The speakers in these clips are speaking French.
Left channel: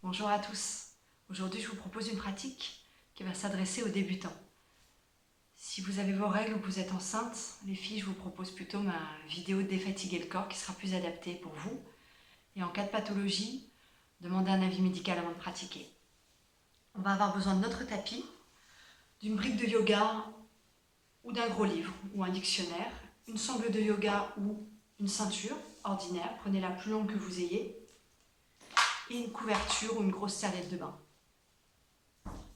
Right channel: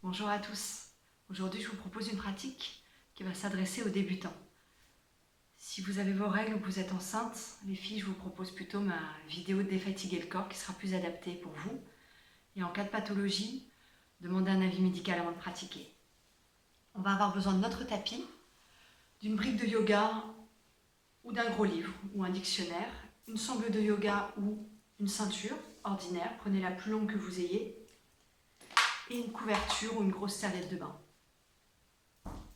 Bonjour à tous. Aujourd'hui, je vous propose une pratique qui va s'adresser aux débutants. Si vous avez vos règles ou que vous êtes enceinte, les filles, je vous propose plutôt ma vidéo de défatiguer le corps qui sera plus adaptée pour vous. Et en cas de pathologie, demandez un avis médical avant de pratiquer. On va avoir besoin de notre tapis, d'une brique de yoga ou d'un gros livre ou un dictionnaire, une sangle de yoga ou une ceinture ordinaire, prenez la plus longue que vous ayez, et une couverture ou une grosse serviette de bain.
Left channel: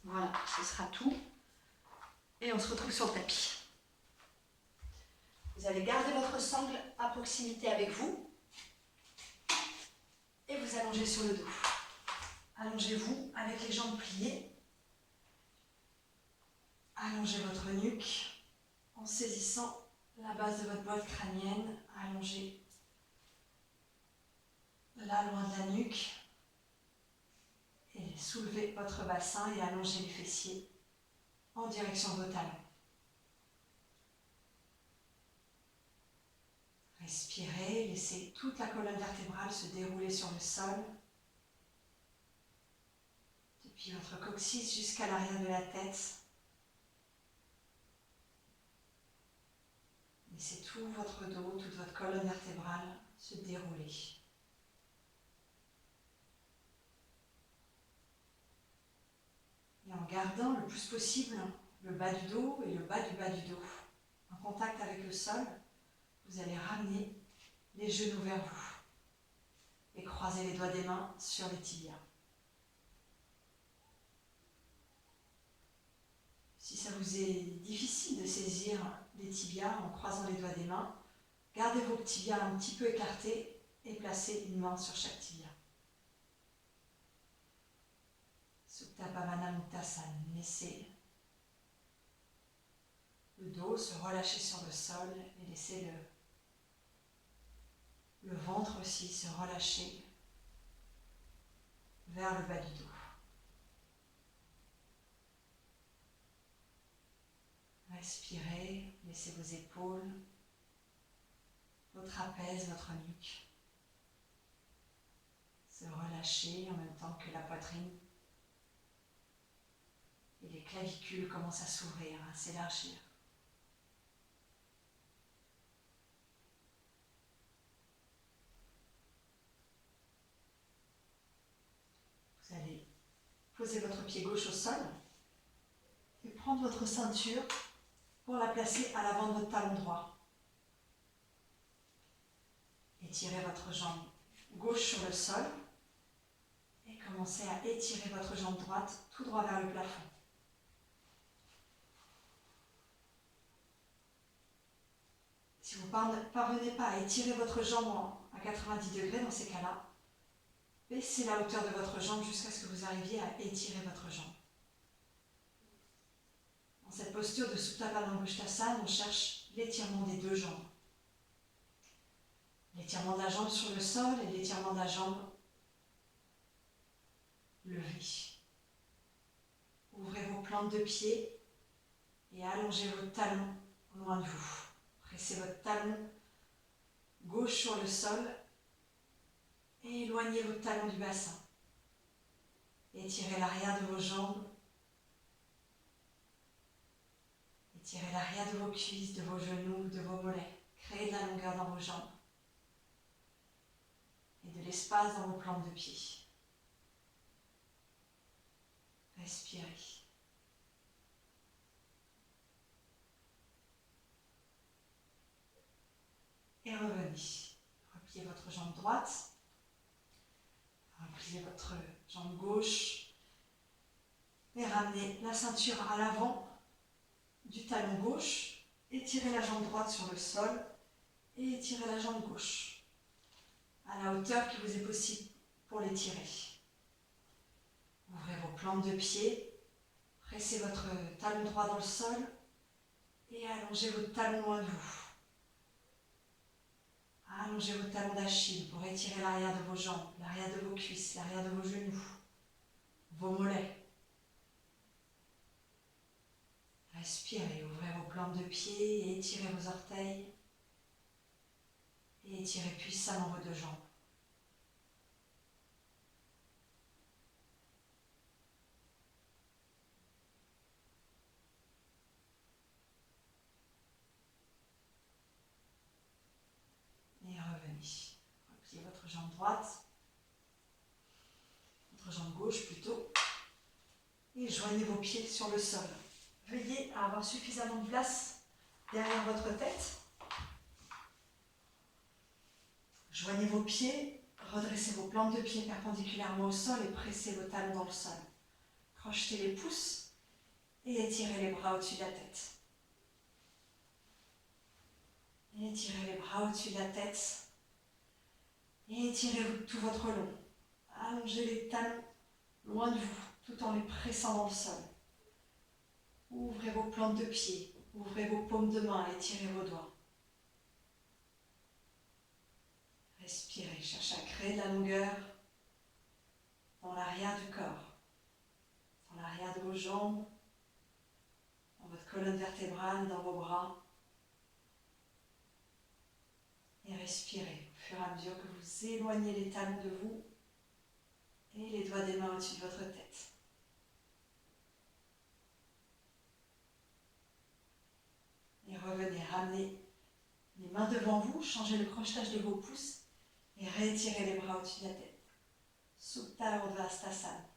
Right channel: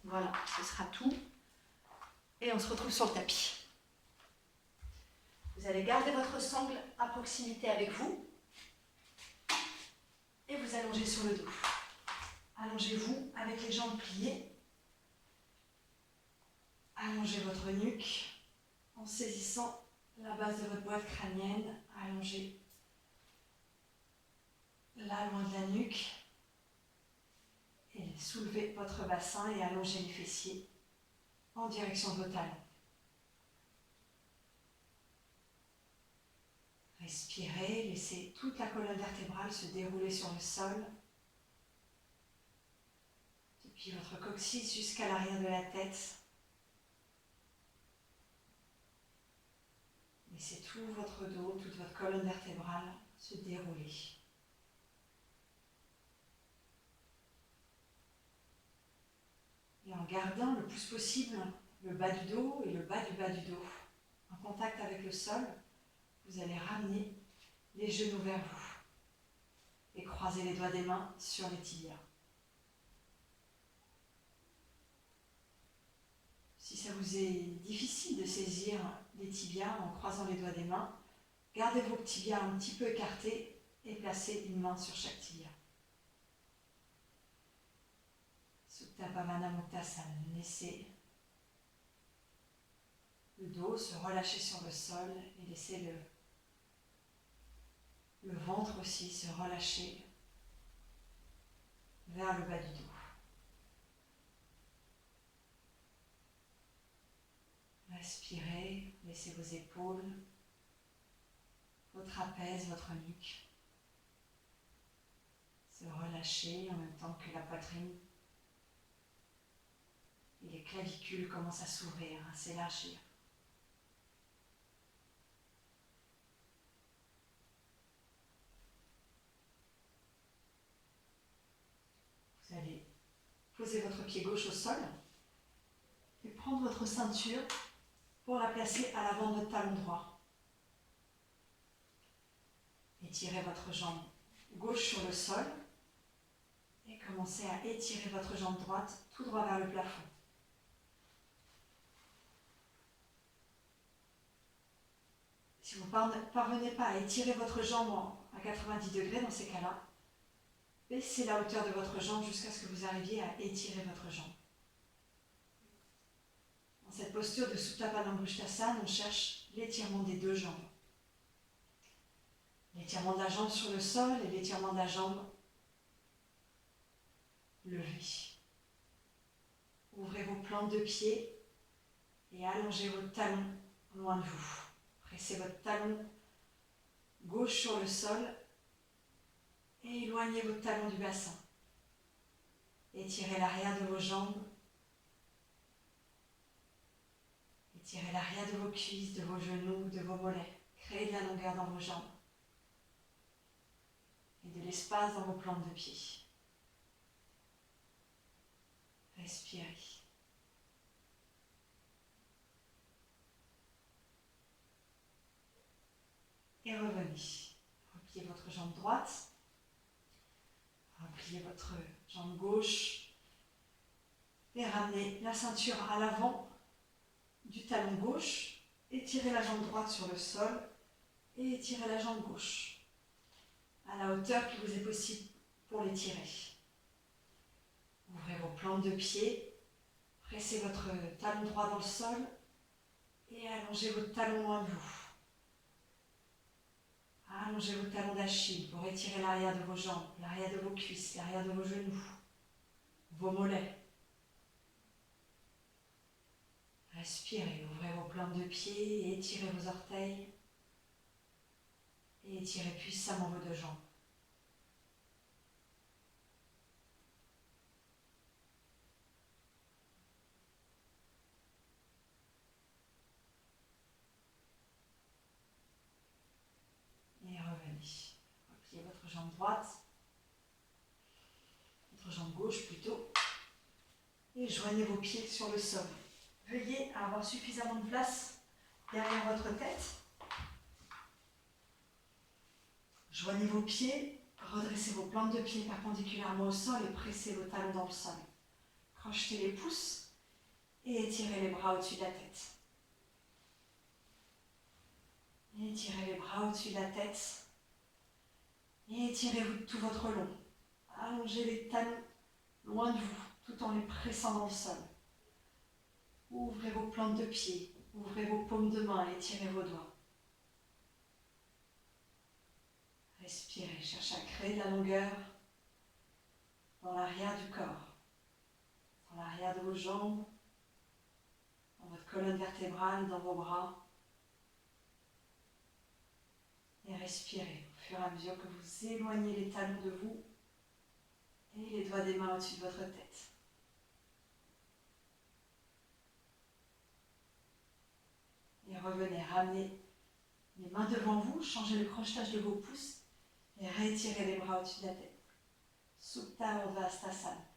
Voilà, ce sera tout. Et on se retrouve sur le tapis. Vous allez garder votre sangle à proximité avec vous et vous allongez sur le dos. Allongez-vous avec les jambes pliées. Allongez votre nuque en saisissant la base de votre boîte crânienne. Allongez là loin de la nuque. Et soulevez votre bassin et allongez les fessiers en direction de vos talons. Respirez, laissez toute la colonne vertébrale se dérouler sur le sol. Depuis votre coccyx jusqu'à l'arrière de la tête. Laissez tout votre dos, toute votre colonne vertébrale se dérouler. Et en gardant le plus possible le bas du dos et le bas du dos en contact avec le sol, vous allez ramener les genoux vers vous et croiser les doigts des mains sur les tibias. Si ça vous est difficile de saisir les tibias en croisant les doigts des mains, gardez vos tibias un petit peu écartés et placez une main sur chaque tibia. Supta Bhavana Muktasana. Laissez le dos se relâcher sur le sol et laissez le ventre aussi se relâcher vers le bas du dos. Respirez, laissez vos épaules, vos trapèzes, votre nuque se relâcher en même temps que la poitrine et les clavicules commencent à s'ouvrir, à s'élargir. Vous allez poser votre pied gauche au sol et prendre votre ceinture pour la placer à l'avant de votre talon droit. Étirez votre jambe gauche sur le sol et commencez à étirer votre jambe droite tout droit vers le plafond. Si vous ne parvenez pas à étirer votre jambe à 90 degrés dans ces cas-là, baissez la hauteur de votre jambe jusqu'à ce que vous arriviez à étirer votre jambe. Dans cette posture de Supta Padangusthasana, on cherche l'étirement des deux jambes. L'étirement de la jambe sur le sol et l'étirement de la jambe levée. Ouvrez vos plantes de pied et allongez vos talons loin de vous. Pressez votre talon gauche sur le sol et éloignez votre talon du bassin. Étirez l'arrière de vos jambes. Étirez l'arrière de vos cuisses, de vos genoux, de vos mollets. Créez de la longueur dans vos jambes et de l'espace dans vos plantes de pied. Respirez. Et revenez. Repliez votre jambe droite. Repliez votre jambe gauche. Et ramenez la ceinture à l'avant du talon gauche. Étirez la jambe droite sur le sol. Et étirez la jambe gauche à la hauteur qui vous est possible pour l'étirer. Ouvrez vos plantes de pied. Pressez votre talon droit dans le sol. Et allongez votre talon loin de vous. Allongez vos talons d'Achille pour étirer l'arrière de vos jambes, l'arrière de vos cuisses, l'arrière de vos genoux, vos mollets. Respirez, ouvrez vos plantes de pied et étirez vos orteils. Et étirez puissamment vos deux jambes. droite, votre jambe gauche plutôt, et joignez vos pieds sur le sol. Veillez à avoir suffisamment de place derrière votre tête. Joignez vos pieds, redressez vos plantes de pied perpendiculairement au sol et pressez vos talons dans le sol. Crochetez les pouces et étirez les bras au-dessus de la tête. Étirez les bras au-dessus de la tête et étirez tout votre long. Allongez les talons loin de vous tout en les pressant dans le sol. Ouvrez vos plantes de pied, ouvrez vos paumes de main et étirez vos doigts. Respirez, cherchez à créer de la longueur dans l'arrière du corps, dans l'arrière de vos jambes, dans votre colonne vertébrale, dans vos bras. Et respirez au fur et à mesure que vous éloignez les talons de vous et les doigts des mains au-dessus de votre tête. Et revenez, ramenez les mains devant vous, changez le crochetage de vos pouces et réétirez les bras au-dessus de la tête. Supta Urdhva-Hastasana.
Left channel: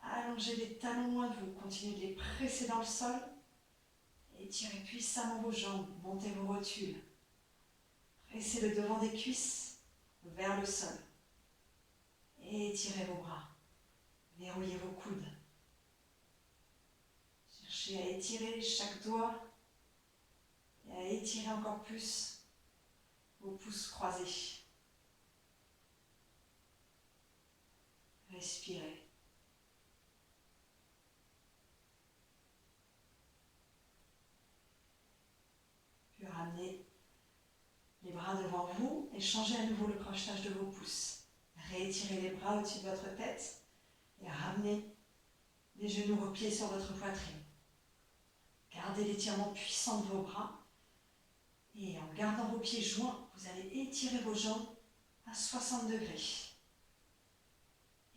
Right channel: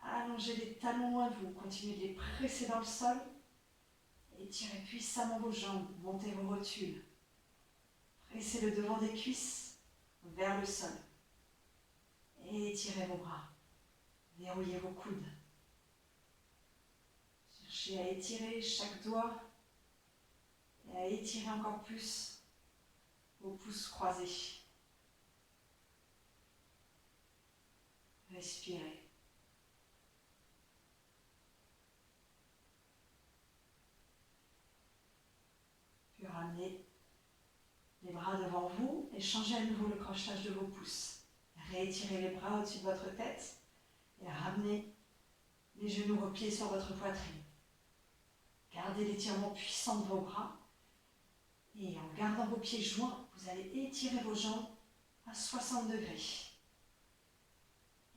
Allongez les talons loin de vous, continuez de les presser dans le sol. Étirez puissamment vos jambes, montez vos rotules. Pressez le devant des cuisses vers le sol. Et étirez vos bras. Verrouillez vos coudes. Cherchez à étirer chaque doigt et à étirer encore plus vos pouces croisés. Respirez. Puis ramenez les bras devant vous et changez à nouveau le crochetage de vos pouces. Réétirez les bras au-dessus de votre tête et ramenez les genoux repliés sur votre poitrine. Gardez l'étirement puissant de vos bras et en gardant vos pieds joints, vous allez étirer vos jambes à 60 degrés.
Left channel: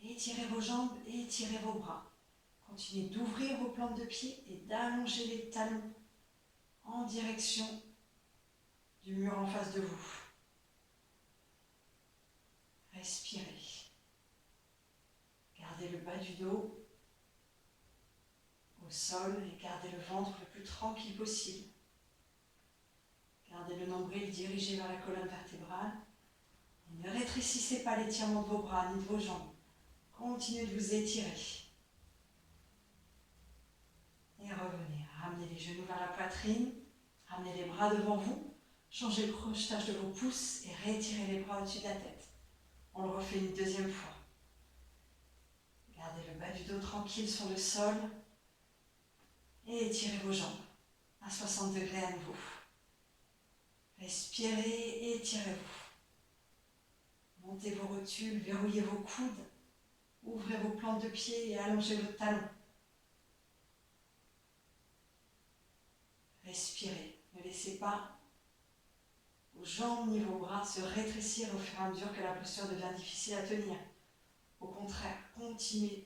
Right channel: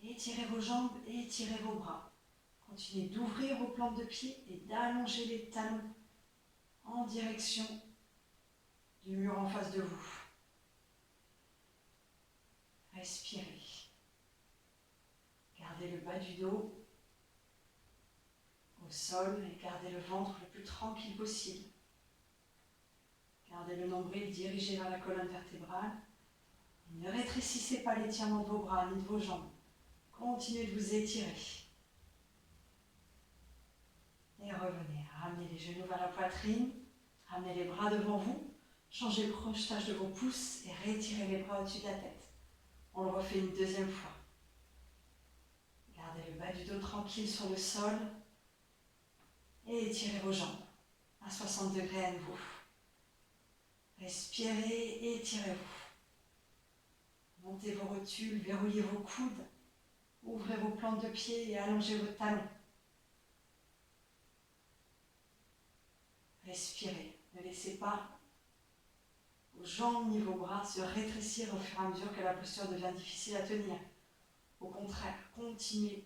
Étirez vos jambes et étirez vos bras. Continuez d'ouvrir vos plantes de pied et d'allonger les talons en direction du mur en face de vous. Respirez. Gardez le bas du dos au sol et gardez le ventre le plus tranquille possible. Gardez le nombril dirigé vers la colonne vertébrale. Et ne rétrécissez pas l'étirement de vos bras ni de vos jambes. Continuez de vous étirer. Et revenez. Ramenez les genoux vers la poitrine. Ramenez les bras devant vous. Changez le crochetage de vos pouces et réétirez les bras au-dessus de la tête. On le refait une deuxième fois. Gardez le bas du dos tranquille sur le sol. Et étirez vos jambes à 60 degrés à nouveau. Respirez et étirez-vous. Montez vos rotules, verrouillez vos coudes. Ouvrez vos plantes de pied et allongez vos talons. Respirez. Ne laissez pas vos jambes ni vos bras se rétrécir au fur et à mesure que la posture devient difficile à tenir. Au contraire, continuez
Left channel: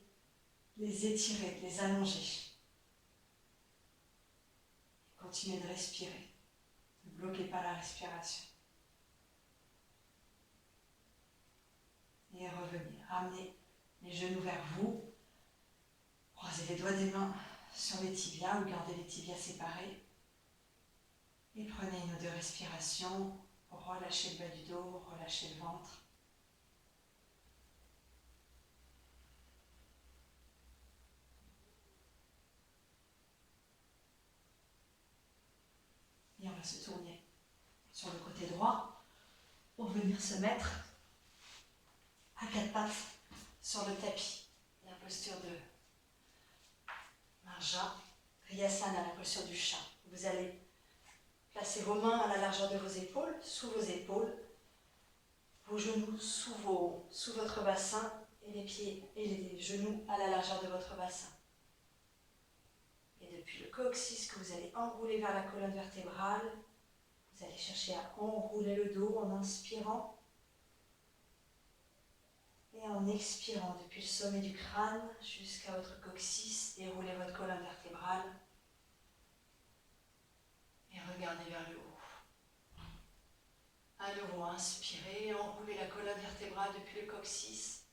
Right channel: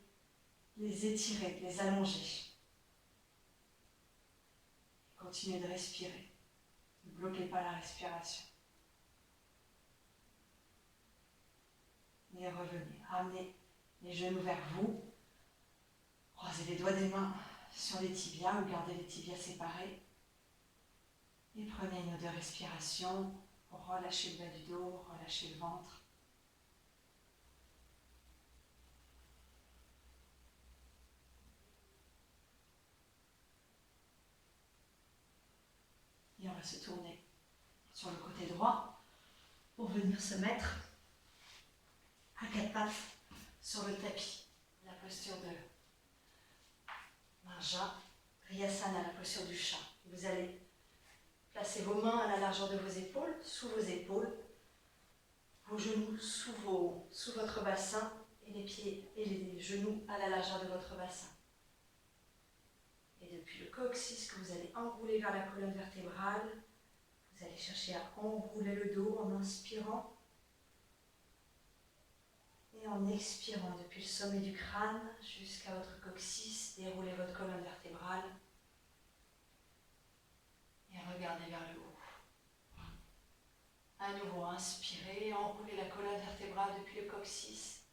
de les étirer, de les allonger. Continuez de respirer. Ne bloquez pas la respiration. Et revenez. Ramenez les genoux vers vous. Croisez les doigts des mains sur les tibias ou gardez les tibias séparés. Et prenez une ou deux respirations. Relâchez le bas du dos, relâchez le ventre. Et on va se tourner sur le côté droit pour venir se mettre à quatre pattes sur le tapis. La posture de Marja, Riyasana, la posture du chat. Vous allez placer vos mains à la largeur de vos épaules, sous vos épaules, vos genoux sous votre bassin et les pieds et les genoux à la largeur de votre bassin. Et depuis le coccyx que vous allez enrouler vers la colonne vertébrale, vous allez chercher à enrouler le dos en inspirant et en expirant depuis le sommet du crâne jusqu'à votre coccyx, déroulez votre colonne vertébrale et regardez vers le haut. À nouveau, inspirez, enroulez la colonne vertébrale depuis le coccyx,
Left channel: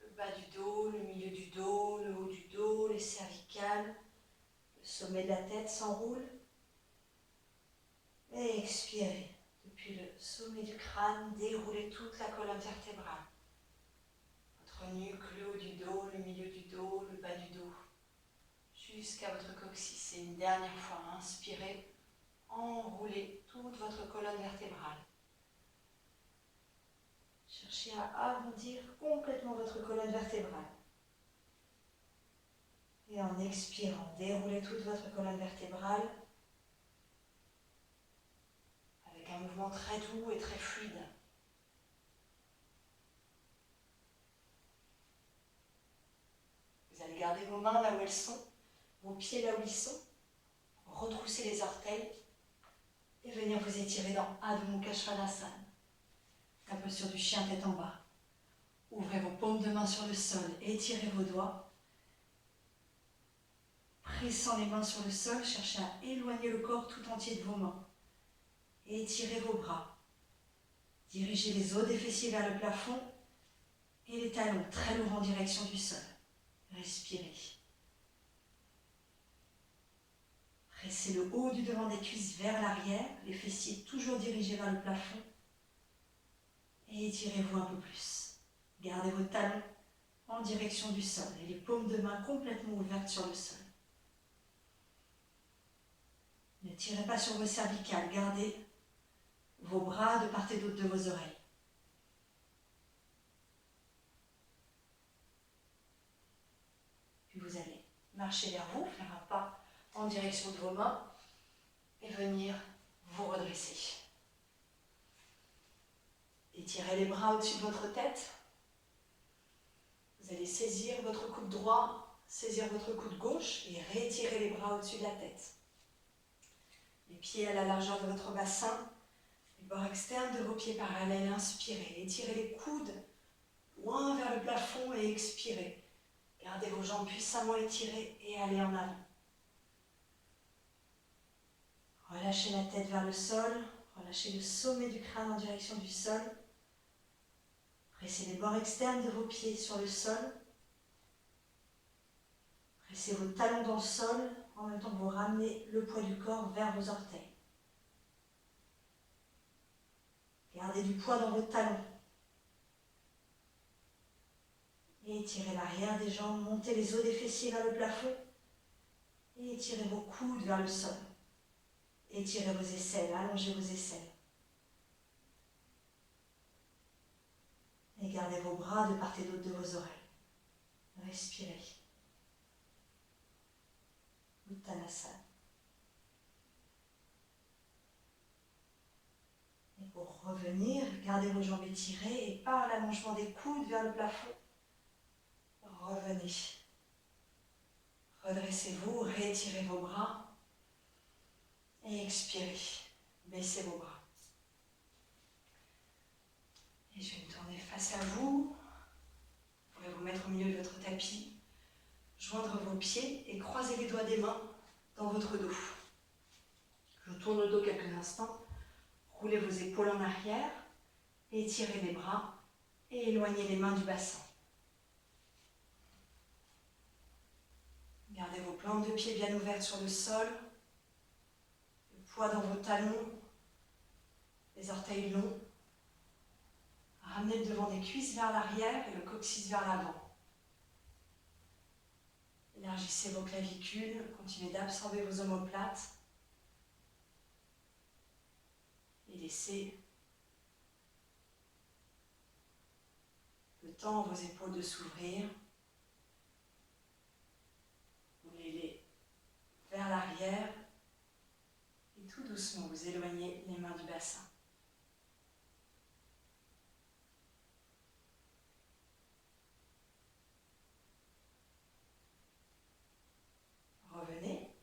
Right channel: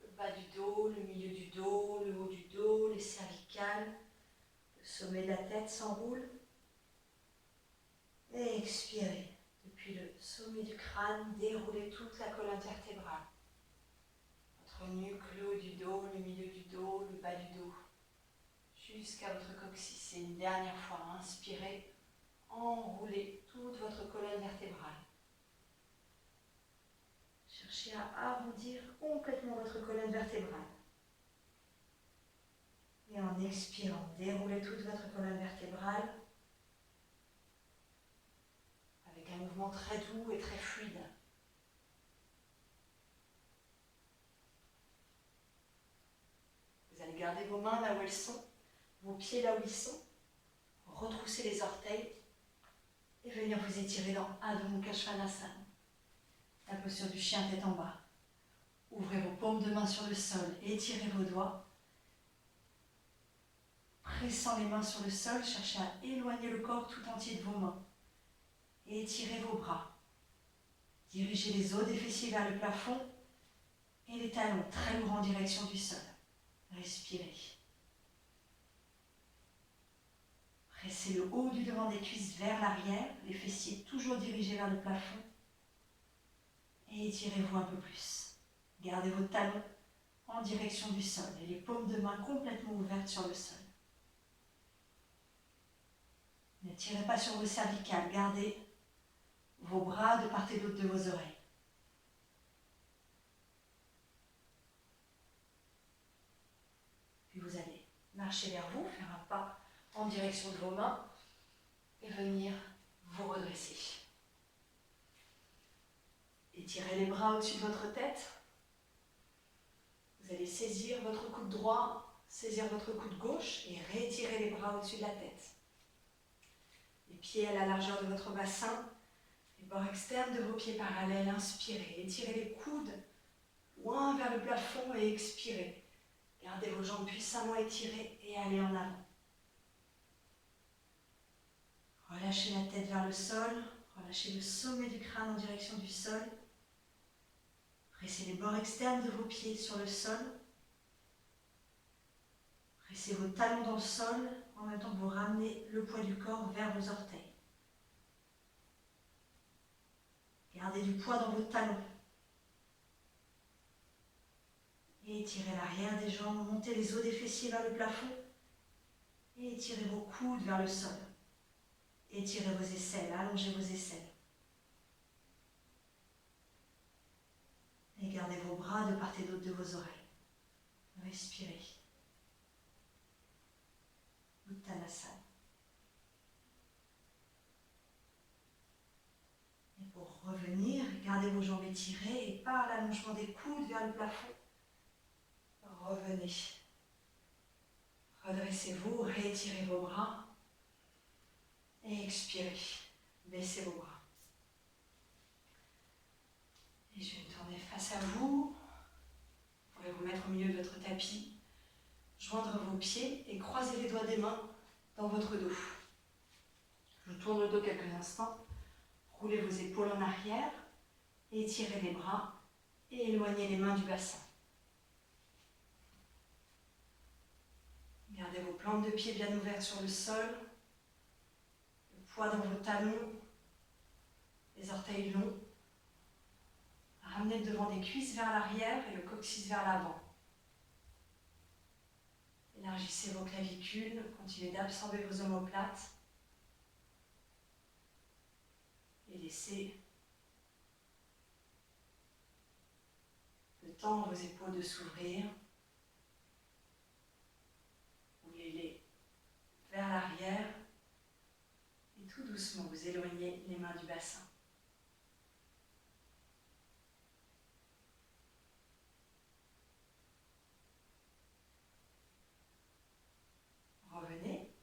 le bas du dos, le milieu du dos, le haut du dos, les cervicales, le sommet de la tête s'enroule. Et expirez. Depuis le sommet du crâne, déroulez toute la colonne vertébrale. Votre nuque, le haut du dos, le milieu du dos, le bas du dos, jusqu'à votre coccyx. Et une dernière fois, inspirez, enroulez toute votre colonne vertébrale. Cherchez à arrondir complètement votre colonne vertébrale. Et en expirant, déroulez toute votre colonne vertébrale avec un mouvement très doux et très fluide. Vous allez garder vos mains là où elles sont, vos pieds là où ils sont, retrousser les orteils et venir vous étirer dans Adho Mukha Svanasana, la posture du chien tête en bas. Ouvrez vos paumes de main sur le sol, étirez vos doigts. Pressant les mains sur le sol, cherchez à éloigner le corps tout entier de vos mains. Étirez vos bras. Dirigez les os des fessiers vers le plafond et les talons très lourds en direction du sol. Respirez. Pressez le haut du devant des cuisses vers l'arrière, les fessiers toujours dirigés vers le plafond. Et étirez-vous un peu plus. Gardez vos talons en direction du sol et les paumes de main complètement ouvertes sur le sol. Ne tirez pas sur vos cervicales, gardez vos bras de part et d'autre de vos oreilles. Puis vous allez marcher vers vous, faire un pas en direction de vos mains et venir vous redresser. Étirez les bras au-dessus de votre tête. Vous allez saisir votre coude droit, saisir votre coude gauche et réétirer les bras au-dessus de la tête. Les pieds à la largeur de votre bassin, les bords externes de vos pieds parallèles, inspirez. Étirez les coudes loin vers le plafond et expirez. Gardez vos jambes puissamment étirées et allez en avant. Relâchez la tête vers le sol, relâchez le sommet du crâne en direction du sol. Pressez les bords externes de vos pieds sur le sol. Pressez vos talons dans le sol en même temps que vous ramenez le poids du corps vers vos orteils. Gardez du poids dans vos talons. Et étirez l'arrière des jambes, montez les os des fessiers vers le plafond. Et étirez vos coudes vers le sol. Étirez vos aisselles, allongez vos aisselles. Et gardez vos bras de part et d'autre de vos oreilles. Respirez. Uttanasana. Et pour revenir, gardez vos jambes étirées et par l'allongement des coudes vers le plafond, revenez. Redressez-vous, réétirez vos bras et expirez. Baissez vos bras. Et je vais me tourner face à vous. Vous pourrez vous mettre au milieu de votre tapis, joindre vos pieds et croiser les doigts des mains dans votre dos. Je tourne le dos quelques instants. Roulez vos épaules en arrière, étirez les bras et éloignez les mains du bassin. Gardez vos plantes de pieds bien ouvertes sur le sol, le poids dans vos talons, les orteils longs. Ramenez le devant des cuisses vers l'arrière et le coccyx vers l'avant. Élargissez vos clavicules, continuez d'absorber vos omoplates et laissez le temps à vos épaules de s'ouvrir. Roulez-les vers l'arrière et tout doucement vous éloignez les mains du bassin. Revenez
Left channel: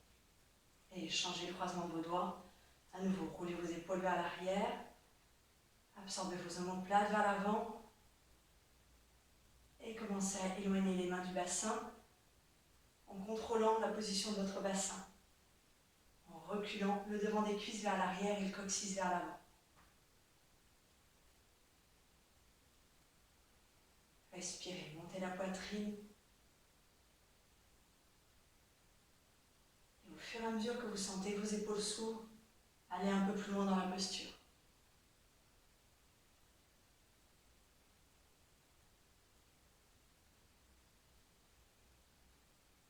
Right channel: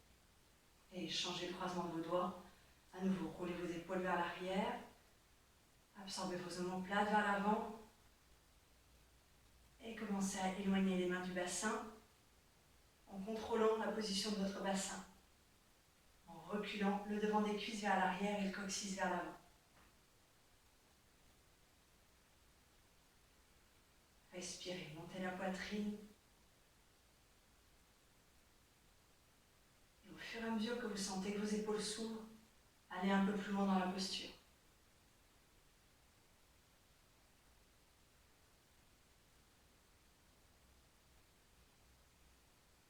et changez le croisement de vos doigts. À nouveau, roulez vos épaules vers l'arrière, absorbez vos omoplates vers l'avant et commencez à éloigner les mains du bassin en contrôlant la position de votre bassin, en reculant le devant des cuisses vers l'arrière et le coccyx vers l'avant. Respirez, montez la poitrine. Et au fur et à mesure que vous sentez que vos épaules s'ouvrent, allez un peu plus loin dans la posture.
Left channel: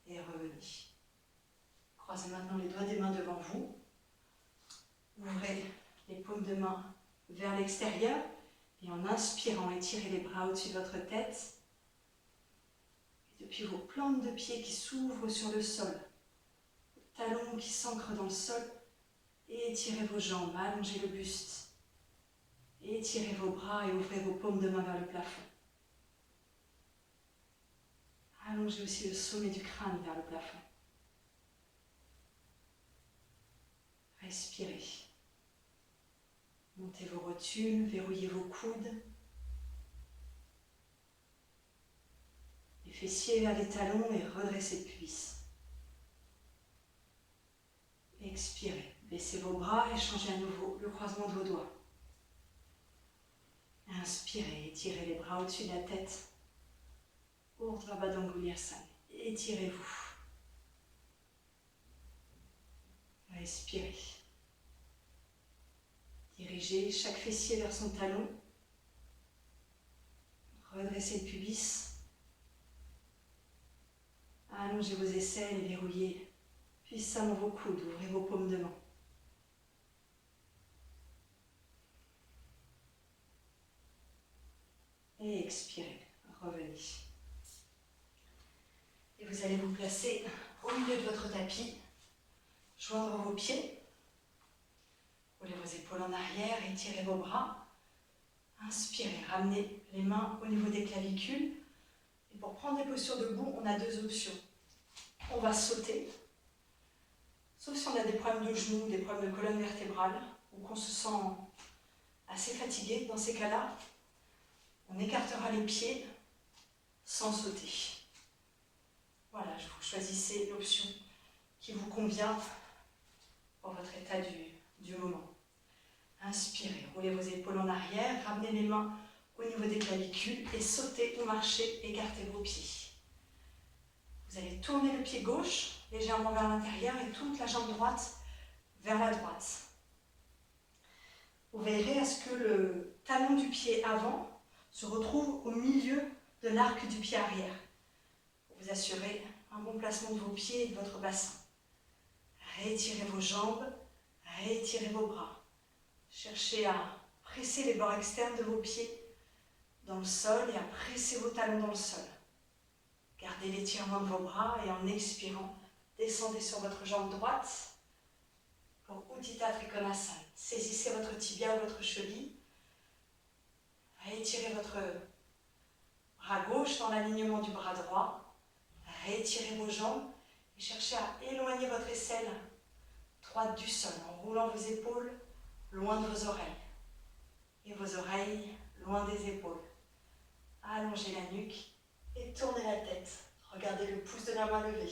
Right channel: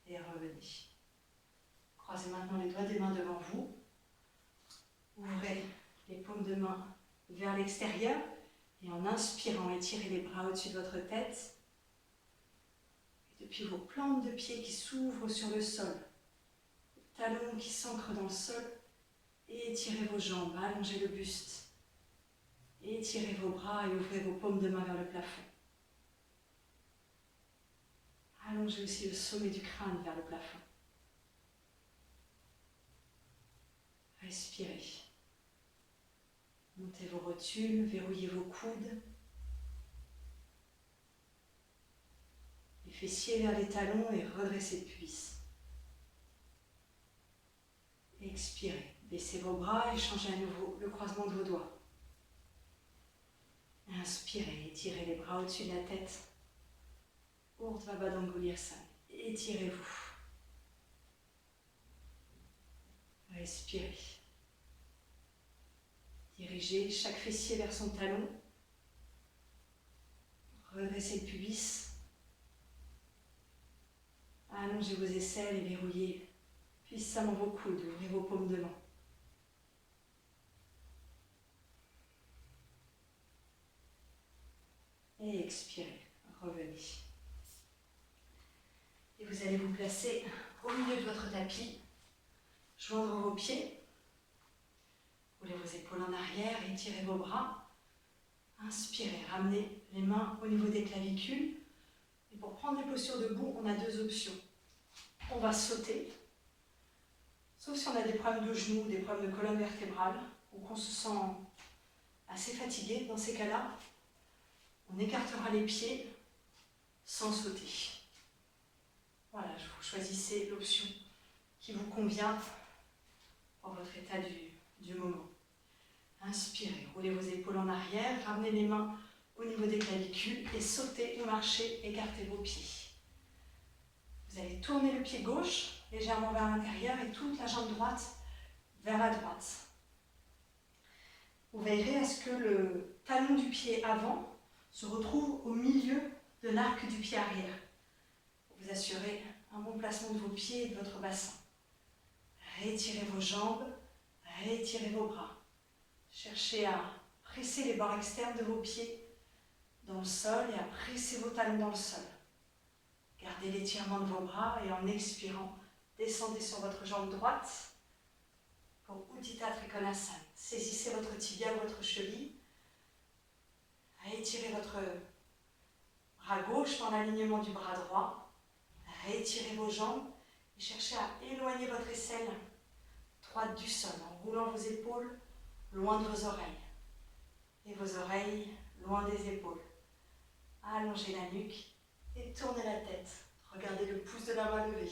Et revenez. Croisez maintenant les doigts des mains devant vous. Ouvrez les paumes de main vers l'extérieur et en inspirant, étirez les bras au-dessus de votre tête. Et depuis vos plantes de pied qui s'ouvrent sur le sol, les talons qui s'ancrent dans le sol, étirez vos jambes, allongez le buste. Étirez vos bras et ouvrez vos paumes de main vers le plafond. Allongez aussi le sommet du crâne vers le plafond. Respirez. Montez vos rotules, verrouillez vos coudes. Les fessiers vers les talons et redressez le pubis. Expirez. Baissez vos bras et changez à nouveau le croisement de vos doigts. Inspirez, étirez les bras au-dessus de la tête. Urdhva Baddha Angulyasana. Étirez-vous. Respirez. Dirigez chaque fessier vers son talon. Redressez le pubis. Allongez vos aisselles et verrouillez puissamment vos coudes. Ouvrez vos paumes de main. Et expirez. Revenez. Et vous allez vous placer au milieu de votre tapis. Joindre vos pieds. Roulez vos épaules en arrière, étirez vos bras. Inspirez, ramenez les mains au niveau des clavicules. Et pour prendre des postures debout, on a deux options. On va sauter, sauf si on a des problèmes de genoux, des problèmes de colonne vertébrale, ou qu'on se sent assez fatigué. Dans ces cas-là, on écartera les pieds sans sauter. Voilà, vous choisissez l'option qui vous convient pour votre état du moment. Inspirez, roulez vos épaules en arrière, ramenez les mains au niveau des clavicules et sautez ou marchez, écartez vos pieds. Vous allez tourner le pied gauche légèrement vers l'intérieur et toute la jambe droite vers la droite. Vous veillerez à ce que le talon du pied avant se retrouve au milieu de l'arc du pied arrière. Pour vous assurer un bon placement de vos pieds et de votre bassin. Réétirez vos jambes, réétirez vos bras. Cherchez à presser les bords externes de vos pieds dans le sol et à presser vos talons dans le sol. Gardez l'étirement de vos bras et en expirant, descendez sur votre jambe droite pour Utthita Trikonasana. Saisissez votre tibia ou votre cheville. Réétirez votre bras gauche dans l'alignement du bras droit. Réétirez vos jambes et cherchez à éloigner votre aisselle droite du sol en roulant vos épaules loin de vos oreilles et vos oreilles loin des épaules. Allongez la nuque et tournez la tête. Regardez le pouce de la main levé.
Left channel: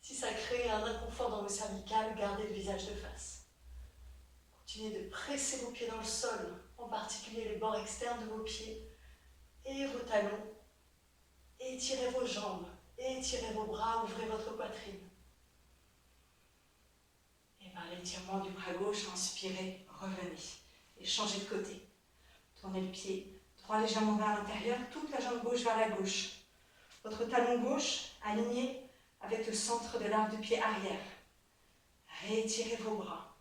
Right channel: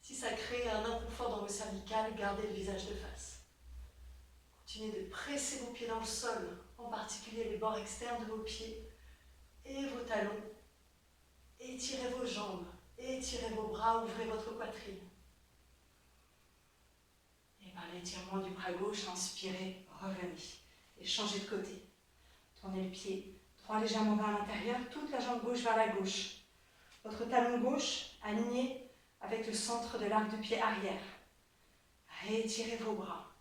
Si ça crée un inconfort dans vos cervicales, gardez le visage de face. Continuez de presser vos pieds dans le sol, en particulier les bords externes de vos pieds et vos talons. Étirez vos jambes, étirez vos bras, ouvrez votre poitrine. Et par l'étirement du bras gauche, inspirez, revenez et changez de côté. Tournez le pied droit légèrement vers l'intérieur, toute la jambe gauche vers la gauche. Votre talon gauche aligné avec le centre de l'arc du pied arrière. Réétirez vos bras.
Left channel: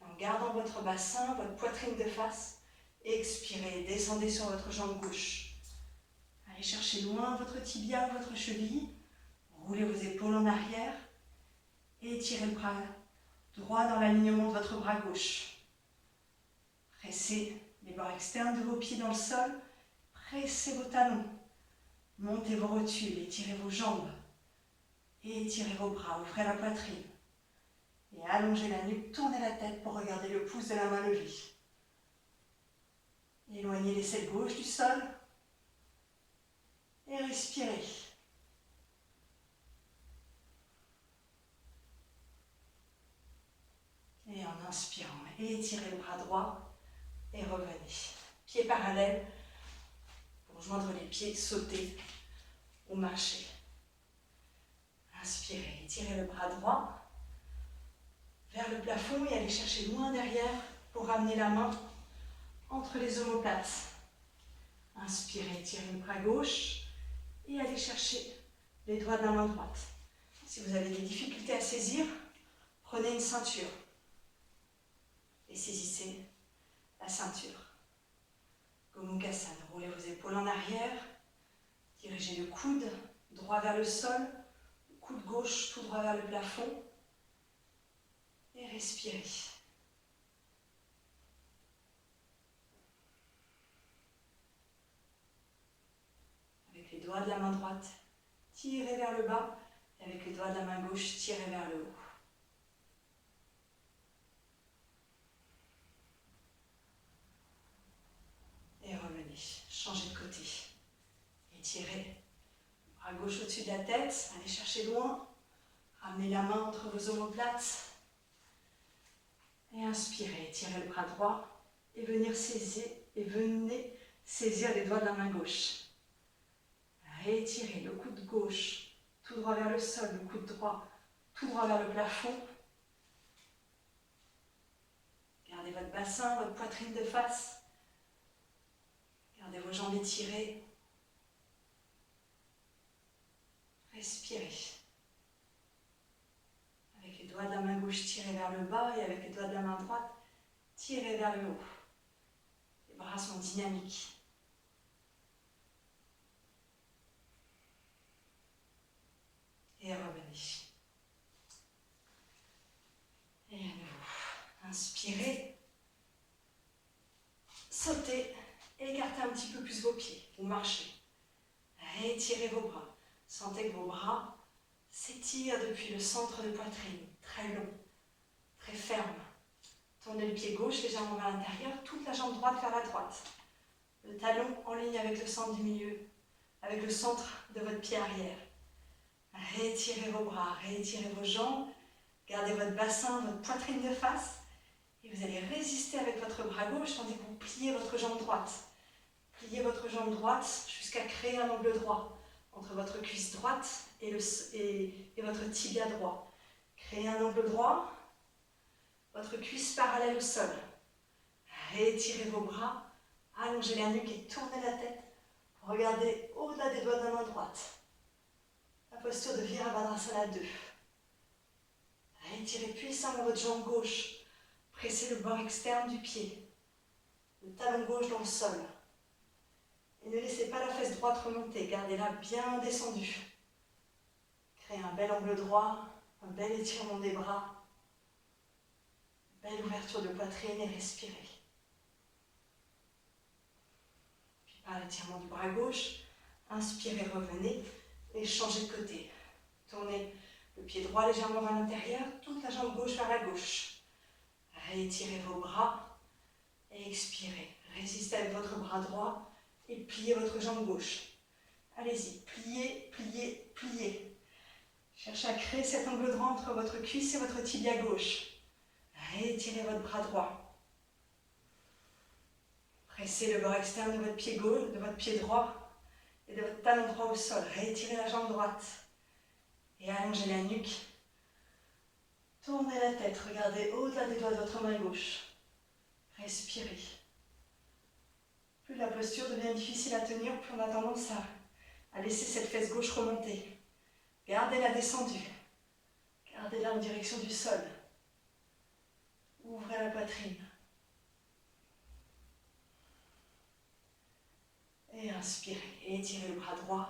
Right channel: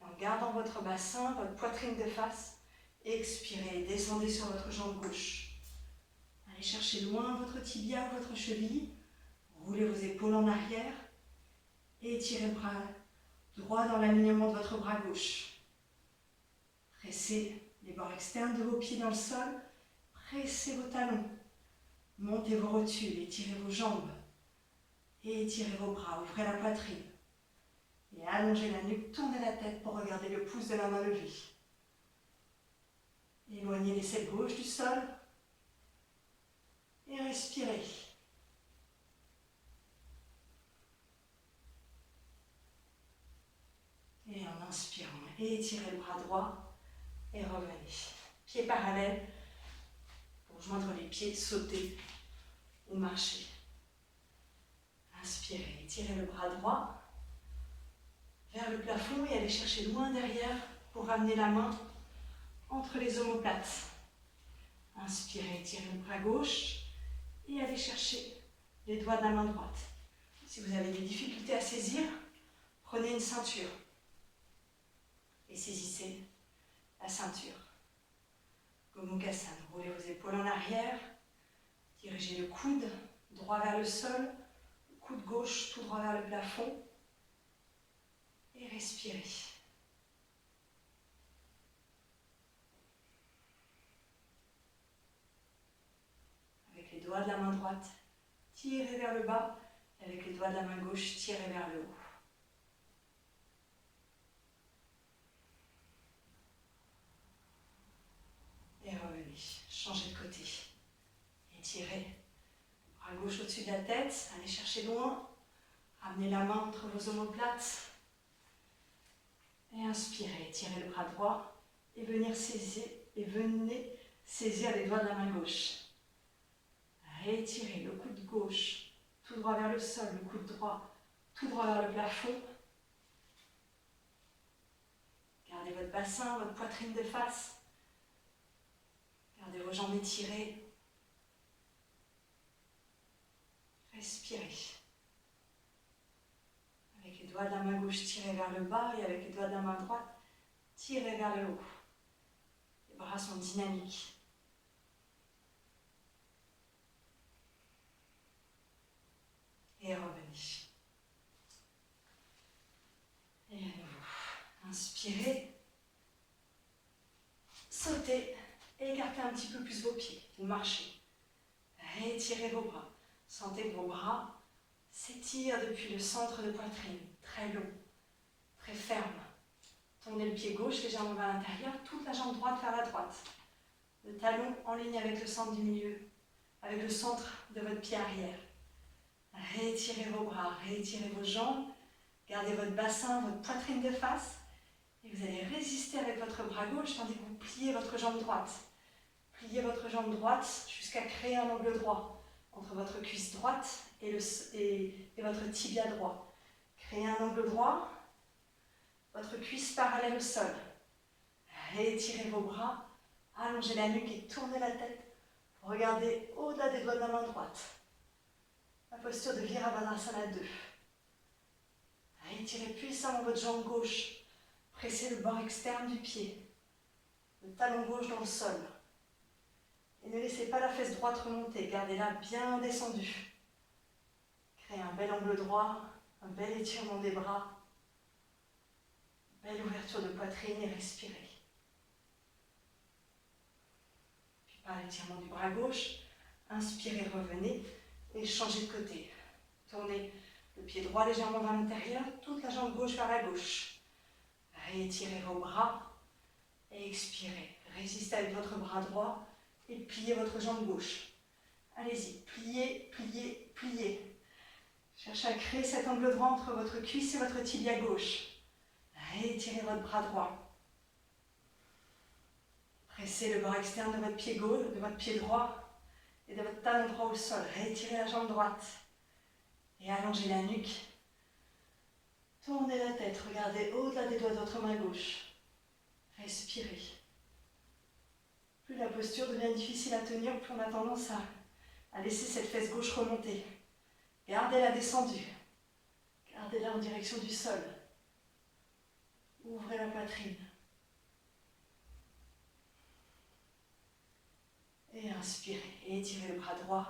En gardant votre bassin, votre poitrine de face, expirez, descendez sur votre jambe gauche. Allez chercher loin votre tibia ou votre cheville. Roulez vos épaules en arrière. Étirez le bras droit dans l'alignement de votre bras gauche. Pressez les bords externes de vos pieds dans le sol. Pressez vos talons. Montez vos rotules, étirez vos jambes. Étirez vos bras, ouvrez la poitrine. Et allongez la nuque, tournez la tête pour regarder le pouce de la main levée. Éloignez l'aisselle gauche du sol. Et respirez. Et en inspirant, étirez le bras droit et revenez. Pieds parallèles pour pour joindre les pieds, sauter ou marcher. Inspirez, étirez le bras droit vers le plafond et allez chercher loin derrière pour ramener la main entre les omoplates. Inspirez, étirez le bras gauche et allez chercher les doigts de la main droite. Si vous avez des difficultés à saisir, prenez une ceinture et saisissez la ceinture. Gomukhasana, roulez vos épaules en arrière, dirigez le coude droit vers le sol, le coude gauche tout droit vers le plafond et respirez. Avec les doigts de la main droite, tirez vers le bas et avec les doigts de la main gauche, tirez vers le haut. Et revenez, changez de côté. Étirez le bras gauche au-dessus de la tête, allez chercher loin. Ramenez la main entre vos omoplates. Et inspirez, étirez le bras droit et venez saisir les doigts de la main gauche. Étirez le coude gauche tout droit vers le sol, le coude droit tout droit vers le plafond. Gardez votre bassin, votre poitrine de face. Gardez vos jambes étirées. Respirez. Avec les doigts de la main gauche, tirez vers le bas et avec les doigts de la main droite, tirez vers le haut. Les bras sont dynamiques. Et revenez. Et à nouveau. Inspirez. Sautez. Écartez un petit peu plus vos pieds. Vous marchez. Étirez vos bras. Sentez que vos bras s'étirent depuis le centre de poitrine. Très long. Très ferme. Tournez le pied gauche légèrement vers l'intérieur. Toute la jambe droite vers la droite. Le talon en ligne avec le centre du milieu. Avec le centre de votre pied arrière. Réétirez vos bras, réétirez vos jambes, gardez votre bassin, votre poitrine de face et vous allez résister avec votre bras gauche tandis que vous pliez votre jambe droite. Pliez votre jambe droite jusqu'à créer un angle droit entre votre cuisse droite et votre tibia droit. Créez un angle droit, votre cuisse parallèle au sol. Réétirez vos bras, allongez la nuque et tournez la tête pour regarder au-delà des doigts de la main droite. La posture de Virabhadrasana 2. Étirez puissamment votre jambe gauche. Pressez le bord externe du pied. Le talon gauche dans le sol. Et ne laissez pas la fesse droite remonter. Gardez-la bien descendue. Créez un bel angle droit, un bel étirement des bras. Belle ouverture de poitrine et respirez. Puis par l'étirement du bras gauche, inspirez, revenez. Et changez de côté. Tournez le pied droit légèrement vers l'intérieur, toute la jambe gauche vers la gauche. Réétirez vos bras et expirez. Résistez avec votre bras droit et pliez votre jambe gauche. Allez-y, pliez, pliez, pliez. Cherchez à créer cet angle droit entre votre cuisse et votre tibia gauche. Réétirez votre bras droit. Pressez le bord externe de votre pied gauche, de votre pied droit. Et de votre talon droit au sol, réétirez la jambe droite et allongez la nuque. Tournez la tête, regardez au-delà des doigts de votre main gauche. Respirez. Plus la posture devient difficile à tenir, plus on a tendance à laisser cette fesse gauche remonter. Gardez-la descendue. Gardez-la en direction du sol. Ouvrez la poitrine. Et inspirez, et étirez le bras droit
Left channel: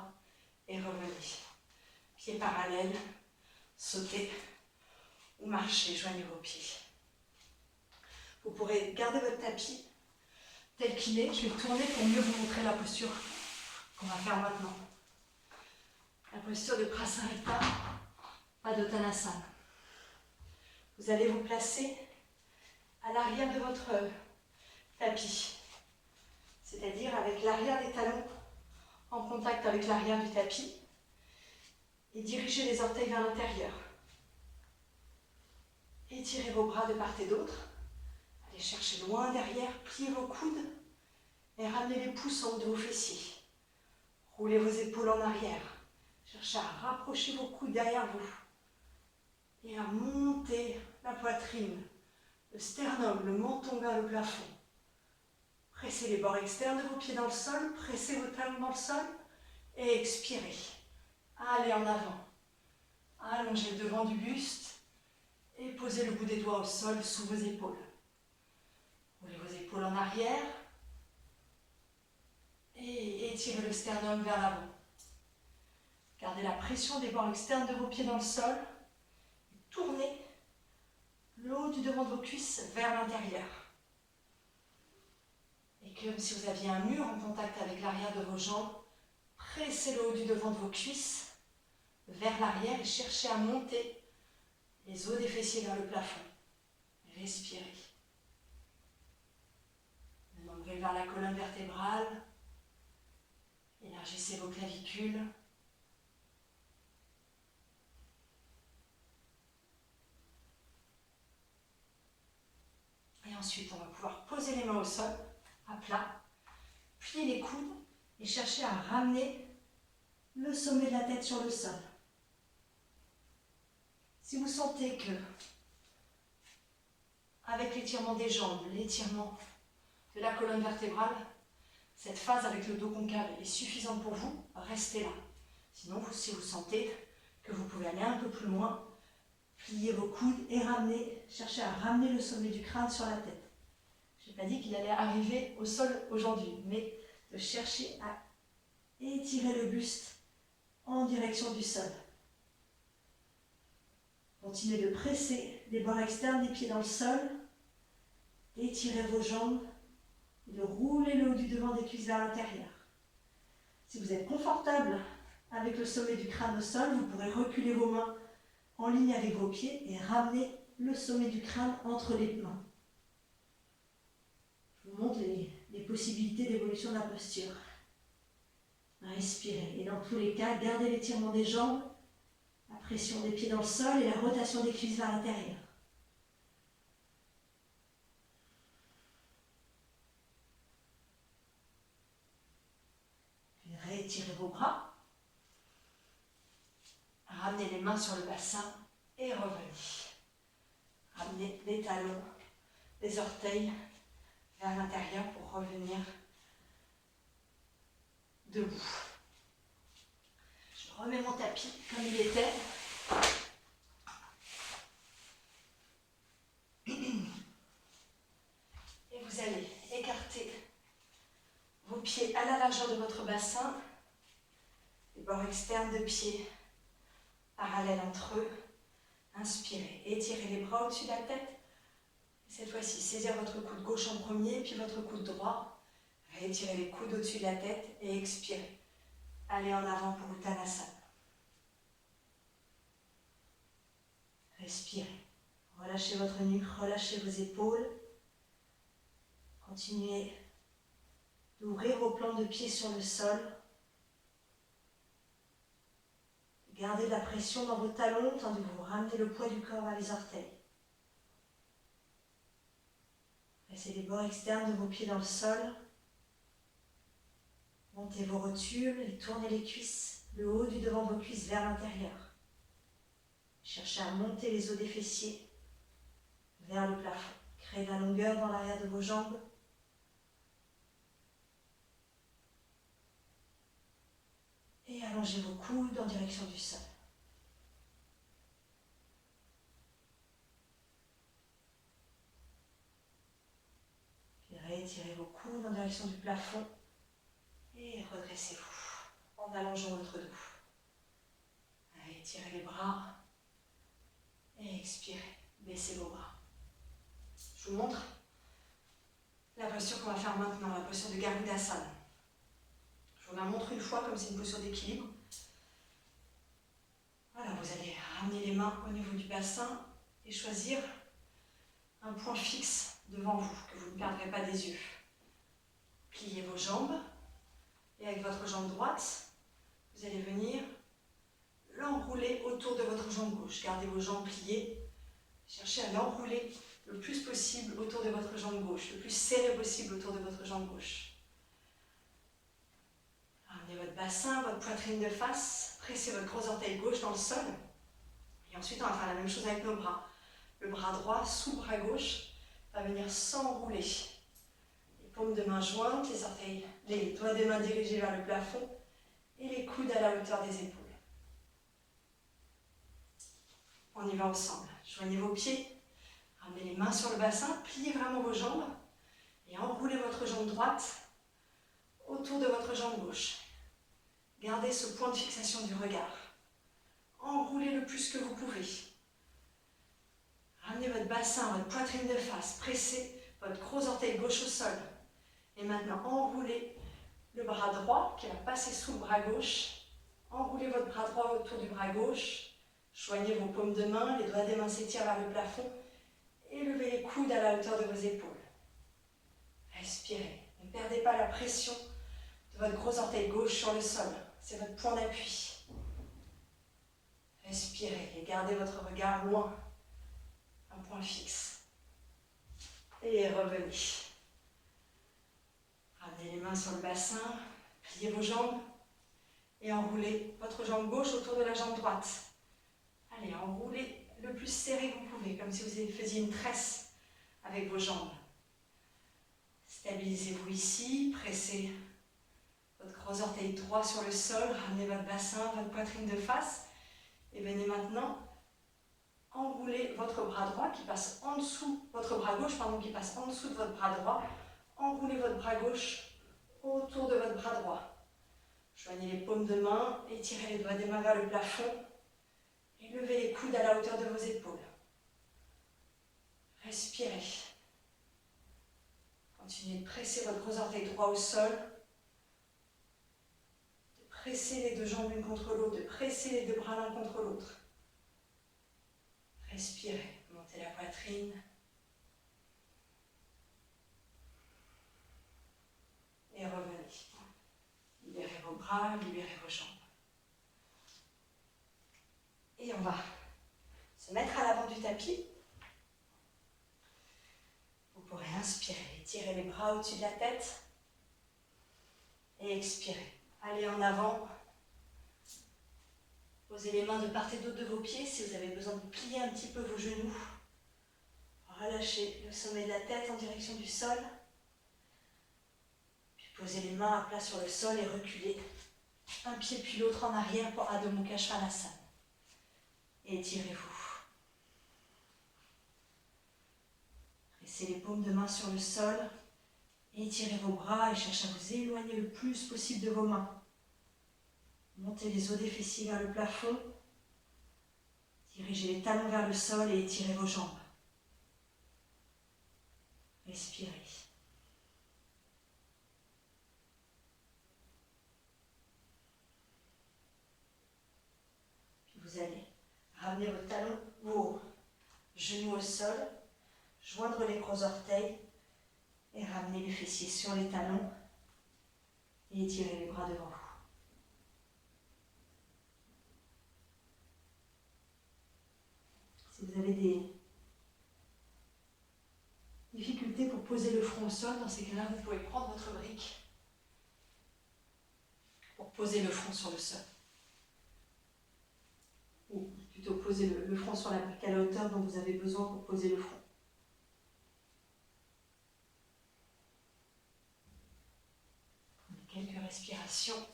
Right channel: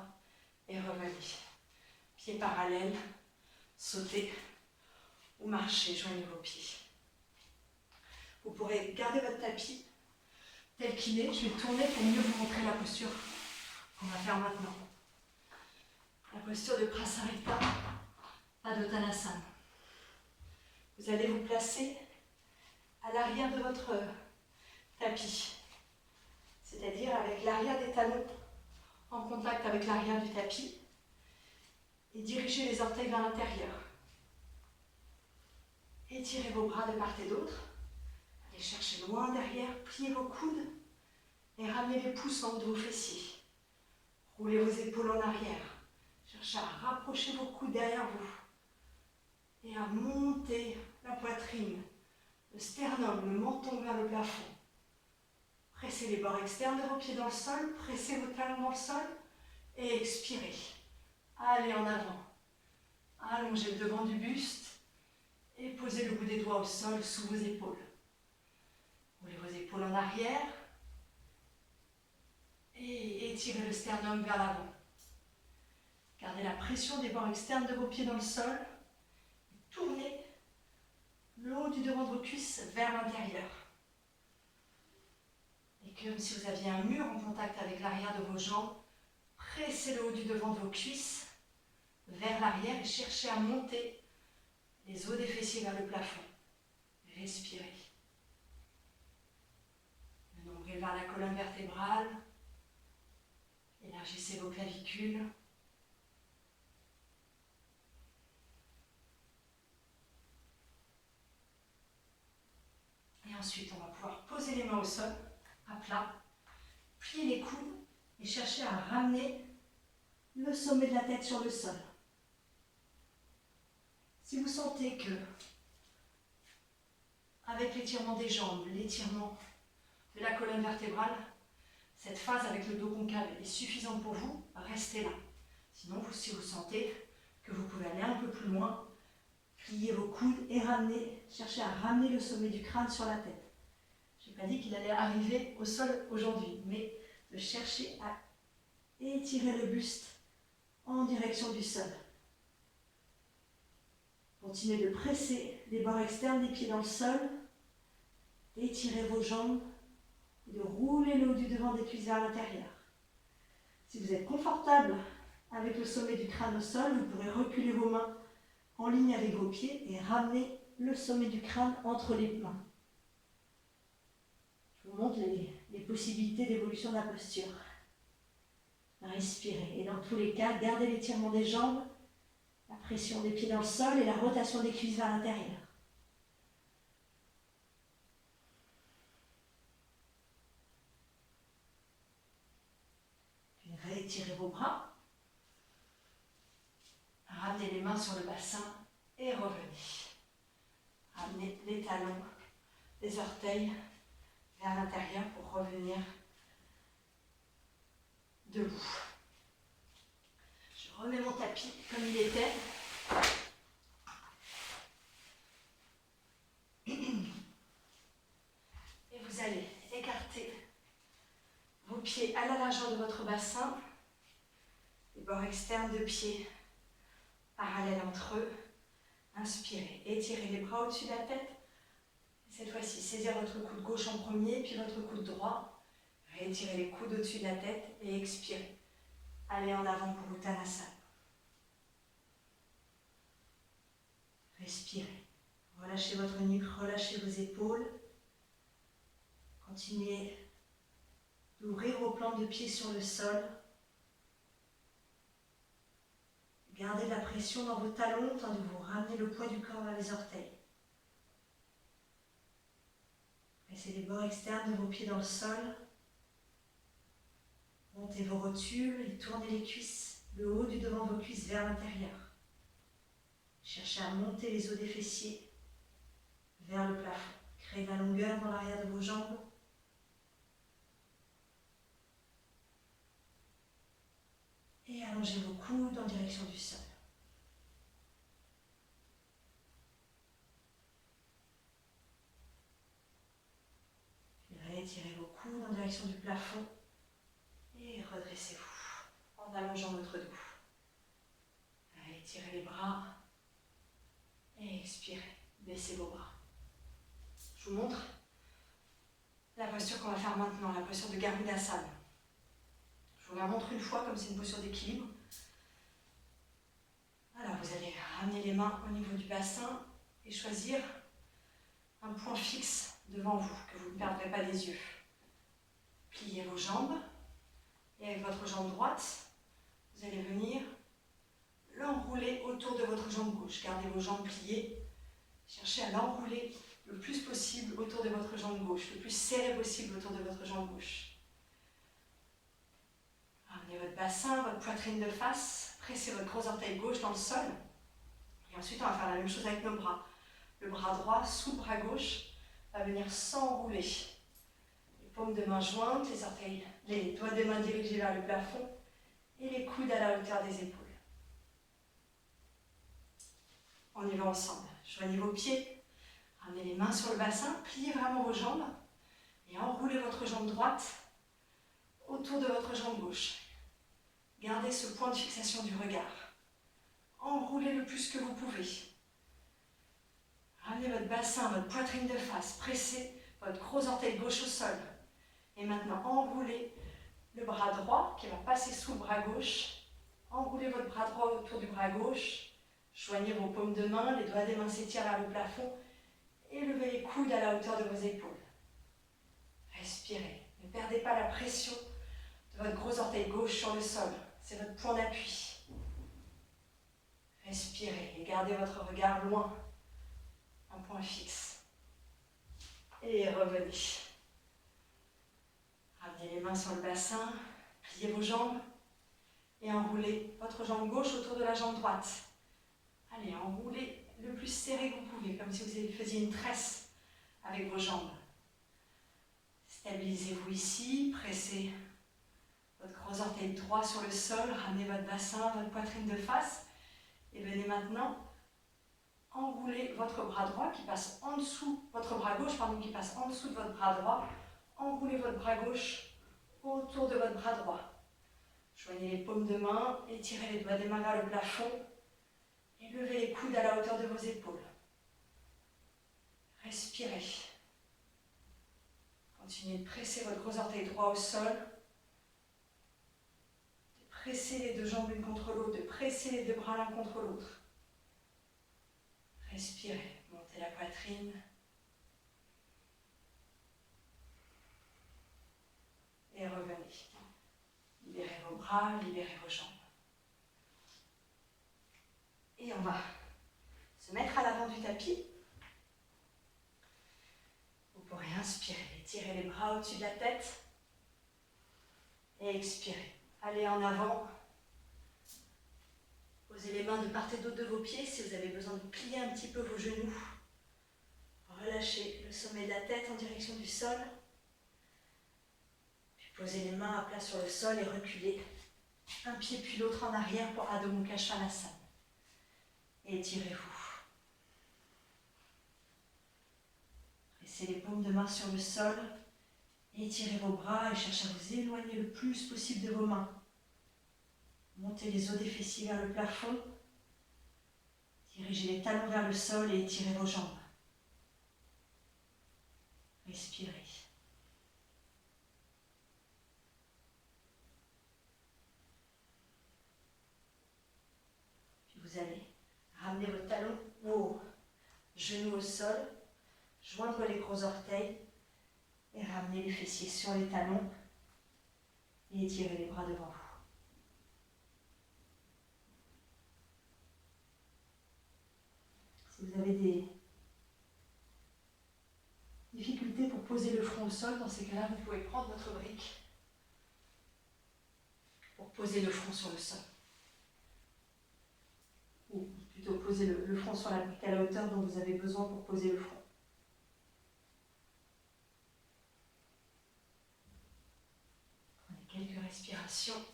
et revenez. Pieds parallèles, sautez ou marchez, joignez vos pieds. Vous pourrez garder votre tapis tel qu'il est. Je vais tourner pour mieux vous montrer la posture qu'on va faire maintenant. La posture de Prasarita Padottanasana. Vous allez vous placer à l'arrière de votre tapis. C'est-à-dire avec l'arrière des talons en contact avec l'arrière du tapis et dirigez les orteils vers l'intérieur. Étirez vos bras de part et d'autre. Allez chercher loin derrière, pliez vos coudes et ramenez les pouces en haut de vos fessiers. Roulez vos épaules en arrière. Cherchez à rapprocher vos coudes derrière vous. Et à monter la poitrine, le sternum, le menton vers le plafond. Pressez les bords externes de vos pieds dans le sol, pressez vos talons dans le sol et expirez. Allez en avant. Allongez le devant du buste et posez le bout des doigts au sol sous vos épaules. Roulez vos épaules en arrière et étirez le sternum vers l'avant. Gardez la pression des bords externes de vos pieds dans le sol. Tournez le haut du devant de vos cuisses vers l'intérieur. Et comme si vous aviez un mur en contact avec l'arrière de vos jambes, pressez le haut du devant de vos cuisses vers l'arrière et cherchez à monter les os des fessiers vers le plafond. Respirez. Le nombril vers la colonne vertébrale. Élargissez vos clavicules. Et ensuite, on va pouvoir poser les mains au sol, à plat, plier les coudes et chercher à ramener le sommet de la tête sur le sol. Si vous sentez que, avec l'étirement des jambes, l'étirement de la colonne vertébrale, cette phase avec le dos concave est suffisante pour vous, restez là. Sinon, si vous sentez que vous pouvez aller un peu plus loin, pliez vos coudes et cherchez à ramener le sommet du crâne sur la tête. Je n'ai pas dit qu'il allait arriver au sol aujourd'hui, mais de chercher à étirer le buste en direction du sol. Continuez de presser les bords externes des pieds dans le sol, d'étirer vos jambes et de rouler le haut du devant des cuisses vers l'intérieur. Si vous êtes confortable avec le sommet du crâne au sol, vous pourrez reculer vos mains en ligne avec vos pieds et ramener le sommet du crâne entre les mains. Je vous montre les possibilités d'évolution de la posture. Respirez. Et dans tous les cas, gardez l'étirement des jambes, la pression des pieds dans le sol et la rotation des cuisses vers l'intérieur. Puis réétirez vos bras. Ramenez les mains sur le bassin et revenez. Ramenez les talons, les orteils vers l'intérieur pour revenir debout. Je remets mon tapis comme il était. Et vous allez écarter vos pieds à la largeur de votre bassin, les bords externes de pieds parallèles entre eux. Inspirez, étirez les bras au-dessus de la tête. Et cette fois-ci, saisissez votre coude gauche en premier, puis votre coude droit. Réétirez les coudes au-dessus de la tête et expirez. Allez en avant pour Uttanasana. Respirez. Relâchez votre nuque, relâchez vos épaules. Continuez d'ouvrir vos plans de pied sur le sol. Gardez la pression dans vos talons tandis que vous ramenez le poids du corps vers les orteils. Pressez les bords externes de vos pieds dans le sol. Montez vos rotules et tournez les cuisses, le haut du devant de vos cuisses vers l'intérieur. Cherchez à monter les os des fessiers vers le plafond. Créez de la longueur dans l'arrière de vos jambes. Et allongez vos coudes en direction du sol. Puis réétirez vos coudes en direction du plafond. Et redressez-vous en allongeant votre dos. Étirez les bras. Et expirez. Baissez vos bras. Je vous montre la posture qu'on va faire maintenant, la posture de Garudasana. Je vous la montre une fois comme c'est une posture d'équilibre. Voilà, vous allez ramener les mains au niveau du bassin et choisir un point fixe devant vous, que vous ne perdrez pas des yeux. Pliez vos jambes et avec votre jambe droite, vous allez venir l'enrouler autour de votre jambe gauche. Gardez vos jambes pliées. Cherchez à l'enrouler le plus possible autour de votre jambe gauche, le plus serré possible autour de votre jambe gauche. Ramenez votre bassin, votre poitrine de face. Pressez votre gros orteil gauche dans le sol. Et ensuite, on va faire la même chose avec nos bras. Le bras droit sous le bras gauche va venir s'enrouler. Les paumes de main jointes, les doigts des mains dirigés vers le plafond et les coudes à la hauteur des épaules. On y va ensemble. Joignez vos pieds, ramenez les mains sur le bassin, pliez vraiment vos jambes et enroulez votre jambe droite autour de votre jambe gauche. Gardez ce point de fixation du regard. Enroulez le plus que vous pouvez. Ramenez votre bassin, votre poitrine de face, pressez votre gros orteil gauche au sol. Et maintenant, enroulez le bras droit qui va passer sous le bras gauche. Enroulez votre bras droit autour du bras gauche. Joignez vos paumes de main, les doigts des mains s'étirent vers le plafond. Et levez les coudes à la hauteur de vos épaules. Respirez. Ne perdez pas la pression de votre gros orteil gauche sur le sol. C'est votre point d'appui. Respirez et gardez votre regard loin. Un point fixe. Et revenez. Ramenez les mains sur le bassin, pliez vos jambes et enroulez votre jambe gauche autour de la jambe droite. Allez, enroulez le plus serré que vous pouvez, comme si vous faisiez une tresse avec vos jambes. Stabilisez-vous ici, pressez votre gros orteil droit sur le sol, ramenez votre bassin, votre poitrine de face et venez maintenant enrouler votre bras droit qui passe en dessous, votre bras gauche pardon, qui passe en dessous de votre bras droit. Enroulez votre bras gauche autour de votre bras droit. Joignez les paumes de main, étirez les doigts des mains vers le plafond et levez les coudes à la hauteur de vos épaules. Respirez. Continuez de presser votre gros orteil droit au sol, de presser les deux jambes l'une contre l'autre, de presser les deux bras l'un contre l'autre. Respirez, montez la poitrine. Et revenez. Libérez vos bras, libérez vos jambes. Et on va se mettre à l'avant du tapis. Vous pourrez inspirer, étirer les bras au-dessus de la tête. Et expirer. Allez en avant. Posez les mains de part et d'autre de vos pieds si vous avez besoin de plier un petit peu vos genoux. Relâchez le sommet de la tête en direction du sol. Posez les mains à plat sur le sol et reculez un pied puis l'autre en arrière pour Adho Mukha Svanasana. Et étirez-vous. Pressez les paumes de main sur le sol et étirez vos bras et cherchez à vous éloigner le plus possible de vos mains. Montez les os des fessiers vers le plafond. Dirigez les talons vers le sol et étirez vos jambes. Respirez. Vous allez ramener vos talons, vos genoux au sol, joindre les gros orteils et ramener les fessiers sur les talons et étirer les bras devant vous. Si vous avez des difficultés pour poser le front au sol, dans ces cas-là, vous pouvez prendre votre brique pour poser le front sur le sol. Ou plutôt poser le front sur la brique à la hauteur dont vous avez besoin pour poser le front. Prenez quelques respirations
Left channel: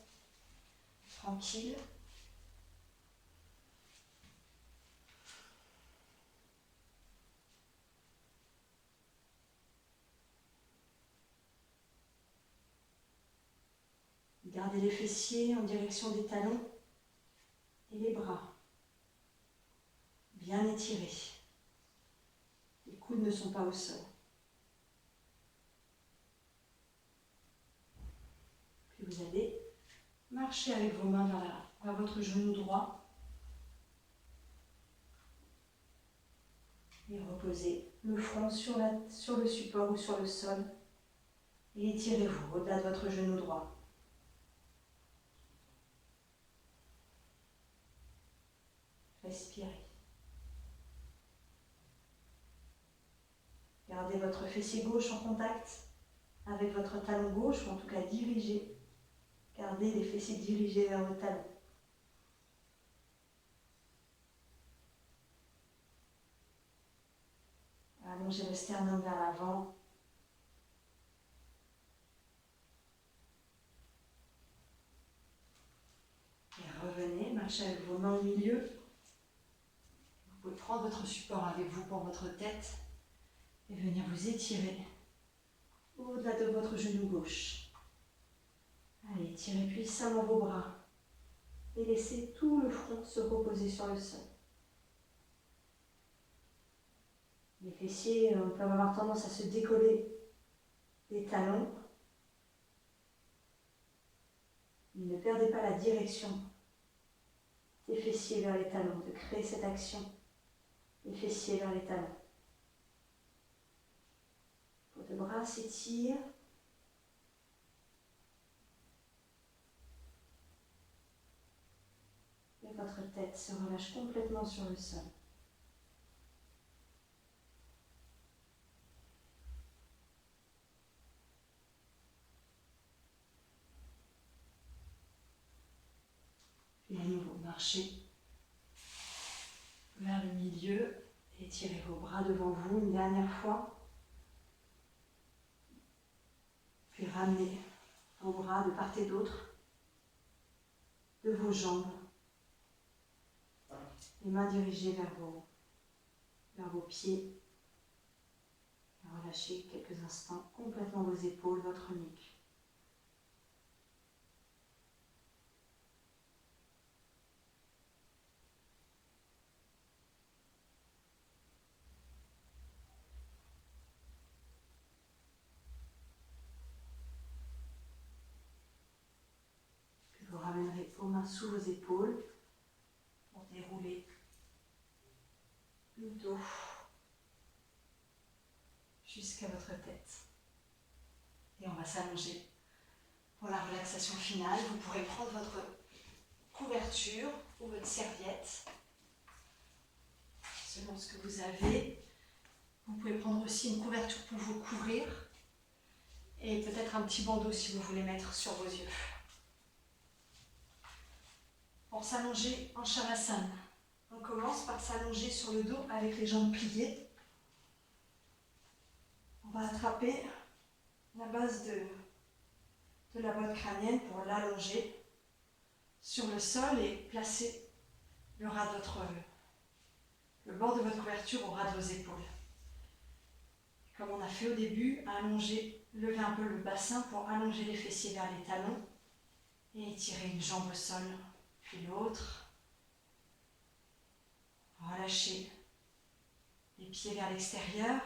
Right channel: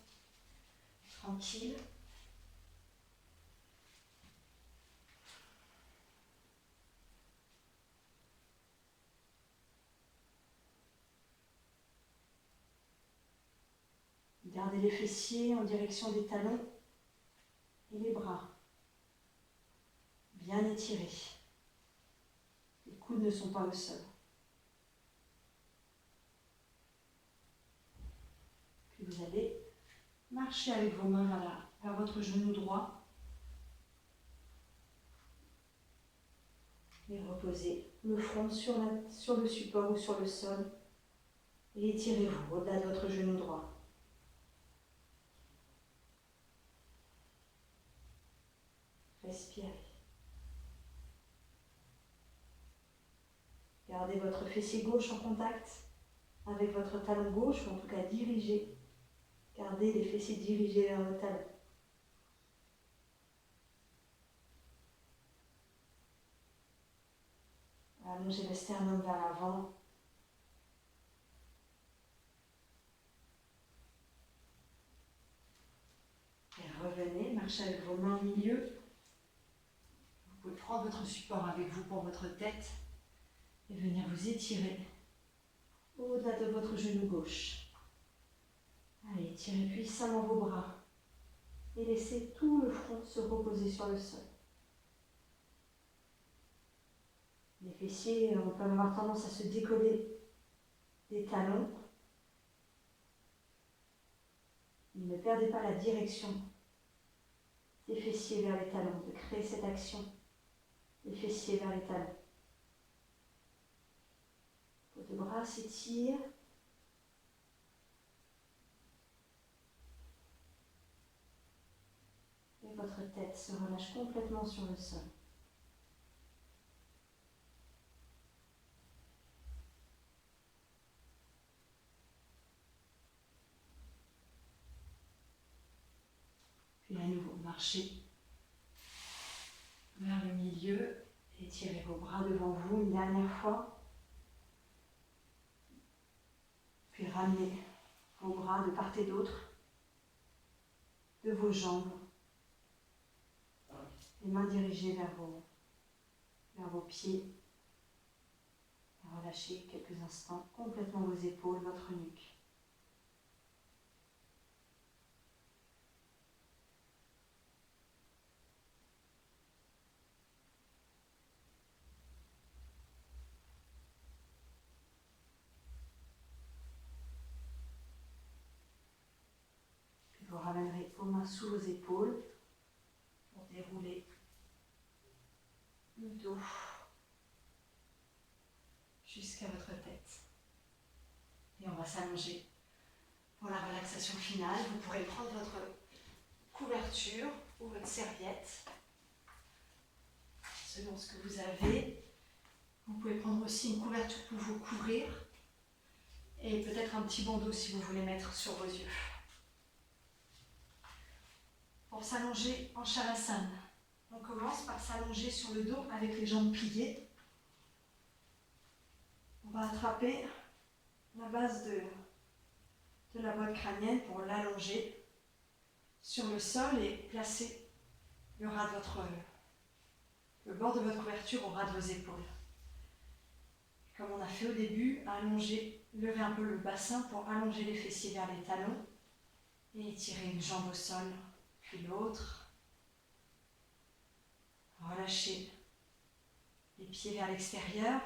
tranquilles. Gardez les fessiers en direction des talons et les bras. Bien étirés. Les coudes ne sont pas au sol. Puis vous allez marcher avec vos mains vers votre genou droit. Et reposez le front sur le support ou sur le sol. Et étirez-vous au-delà de votre genou droit. Respirez. Gardez votre fessier gauche en contact avec votre talon gauche, ou en tout cas dirigé Gardez les fessiers dirigés vers vos talons. Allongez le sternum vers l'avant. Et revenez, marchez avec vos mains au milieu. Vous pouvez prendre votre support avec vous pour votre tête et venir vous étirer au-delà de votre genou gauche. Allez, tirez puissamment vos bras et laissez tout le front se reposer sur le sol. Les fessiers peuvent avoir tendance à se décoller des talons. Ne perdez pas la direction des fessiers vers les talons, de créer cette action des fessiers vers les talons. Vos deux bras s'étirent. Et votre tête se relâche complètement sur le sol. Puis à nouveau, marchez vers le milieu, étirez vos bras devant vous une dernière fois. Puis ramenez vos bras de part et d'autre de vos jambes. Les mains dirigées vers vos pieds. Et relâchez quelques instants complètement vos épaules, votre nuque. Puis vous ramènerez vos mains sous vos épaules pour dérouler le dos jusqu'à votre tête. Et on va s'allonger pour la relaxation finale. Vous pourrez prendre votre couverture ou votre serviette, selon ce que vous avez. Vous pouvez prendre aussi une couverture pour vous couvrir et peut-être un petit bandeau si vous voulez mettre sur vos yeux. Pour s'allonger en Shavasana, on commence par s'allonger sur le dos avec les jambes pliées. On va attraper la base de la boîte crânienne pour l'allonger sur le sol et placer le bord de votre couverture au ras de vos épaules. Comme on a fait au début, levez un peu le bassin pour allonger les fessiers vers les talons et étirer une jambe au sol, puis l'autre. Relâchez les pieds vers l'extérieur.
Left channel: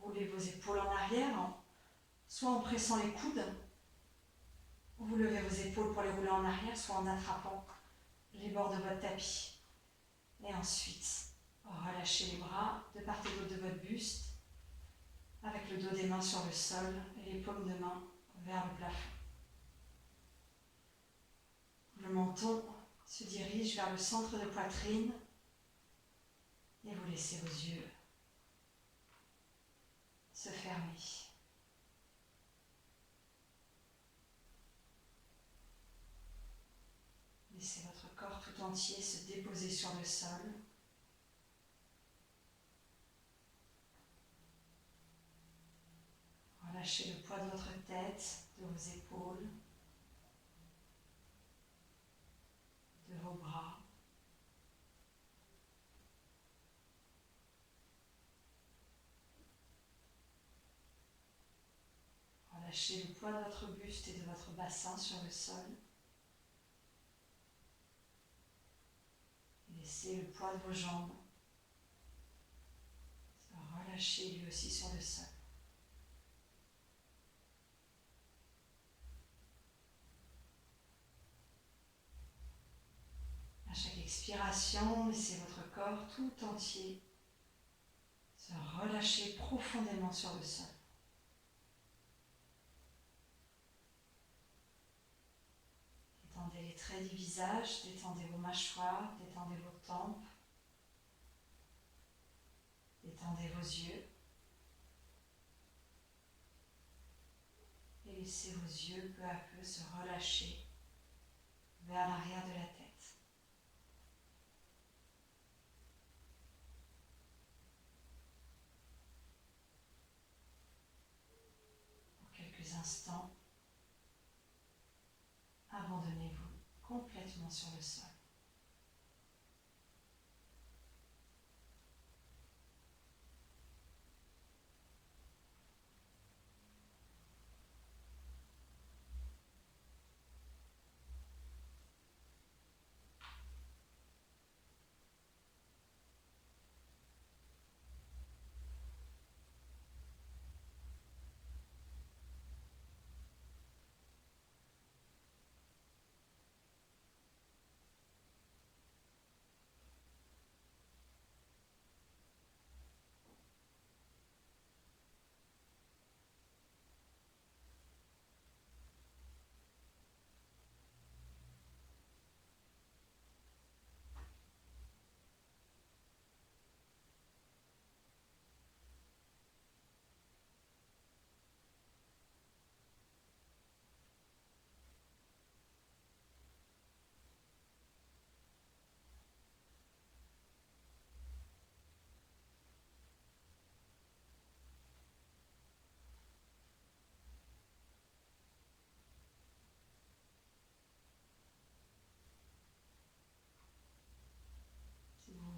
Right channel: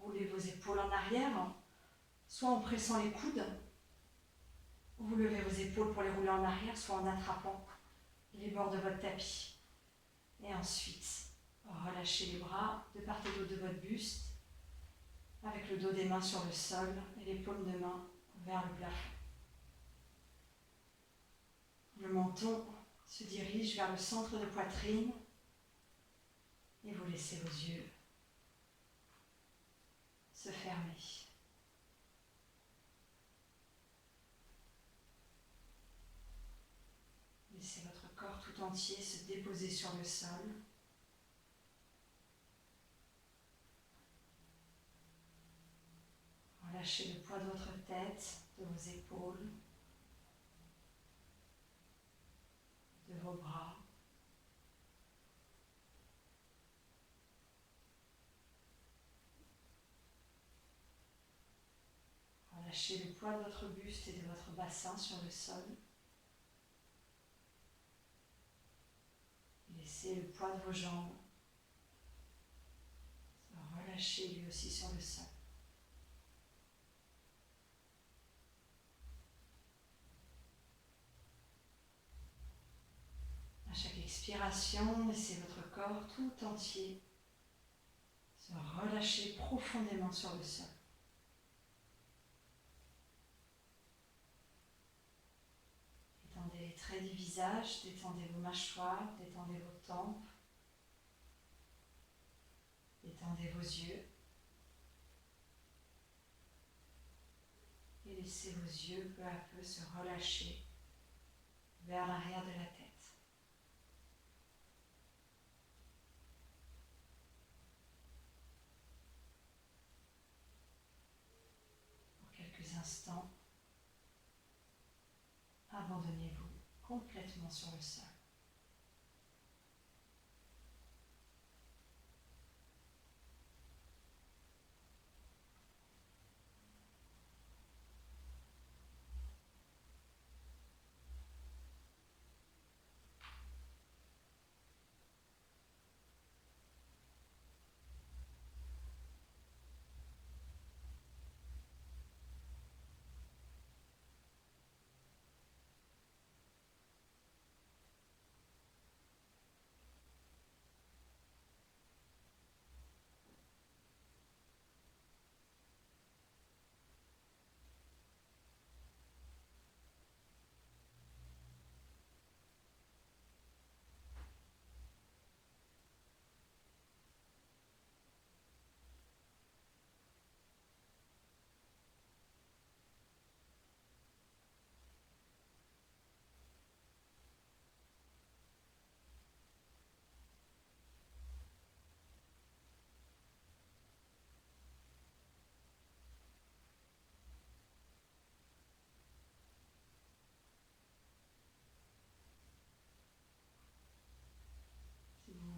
Roulez vos épaules en arrière, soit en pressant les coudes. Vous levez vos épaules pour les rouler en arrière, soit en attrapant les bords de votre tapis. Et ensuite, relâchez les bras de part et d'autre de votre buste, avec le dos des mains sur le sol et les paumes de main vers le plafond. Le menton se dirige vers le centre de poitrine et vous laissez vos yeux se fermer. Laissez votre corps tout entier se déposer sur le sol. Relâchez le poids de votre tête, de vos épaules, de vos bras. Relâchez le poids de votre buste et de votre bassin sur le sol. Et laissez le poids de vos jambes se relâcher lui aussi sur le sol. À chaque expiration, laissez votre corps tout entier se relâcher profondément sur le sol. Détendez les traits du visage, détendez vos mâchoires, détendez vos tempes, détendez vos yeux. Et et laissez vos yeux peu à peu se relâcher vers l'arrière de la tête. Pour quelques instants, abandonnez-vous complètement sur le sol.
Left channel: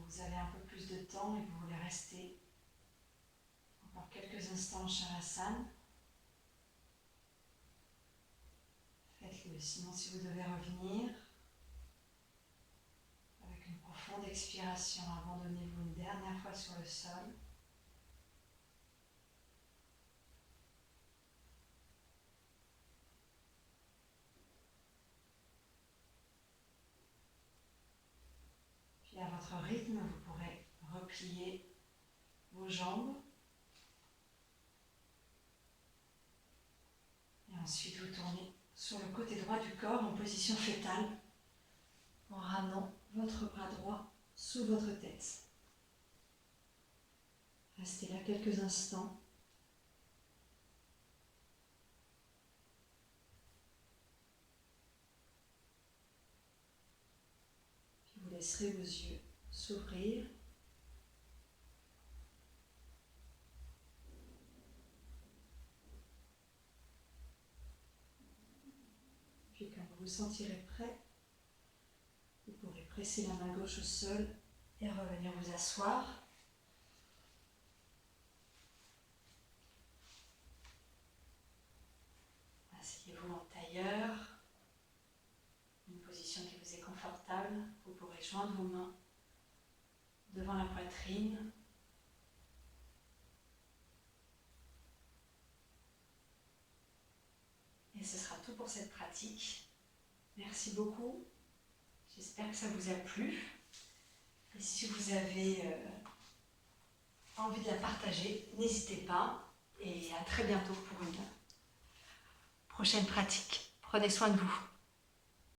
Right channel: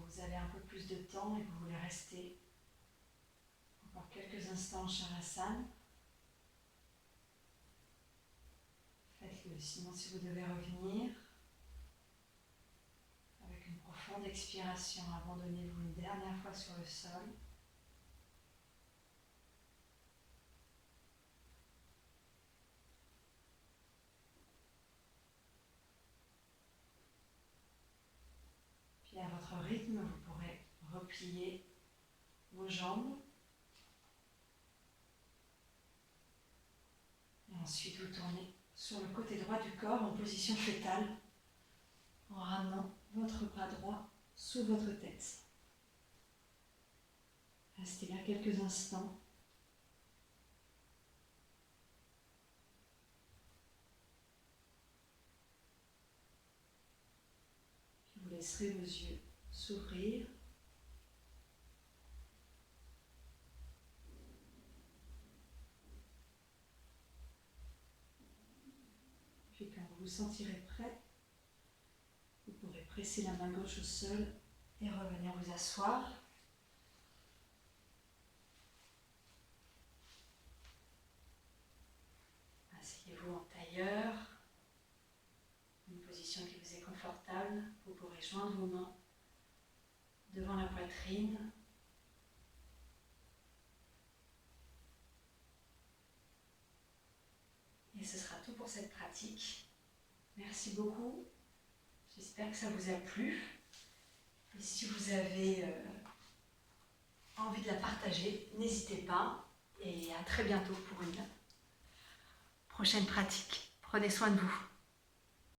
Si vous avez un peu plus de temps et que vous voulez rester encore quelques instants en Shavasana, faites-le. Sinon, si vous devez revenir, avec une profonde expiration, abandonnez-vous une dernière fois sur le sol. Puis à votre rythme, vous pourrez replier vos jambes. Et ensuite, vous tournez sur le côté droit du corps en position fœtale, en ramenant votre bras droit sous votre tête. Restez là quelques instants. Puis vous laisserez vos yeux s'ouvrir. Puis quand vous vous sentirez prêt, vous pourrez presser la main gauche au sol et revenir vous asseoir. Asseyez-vous en tailleur, une position qui vous est confortable. Vous pourrez joindre vos mains devant la poitrine. Et ce sera tout pour cette pratique. Merci beaucoup. J'espère que ça vous a plu. Et si vous avez envie de la partager, n'hésitez pas. Et à très bientôt pour une prochaine pratique. Prenez soin de vous.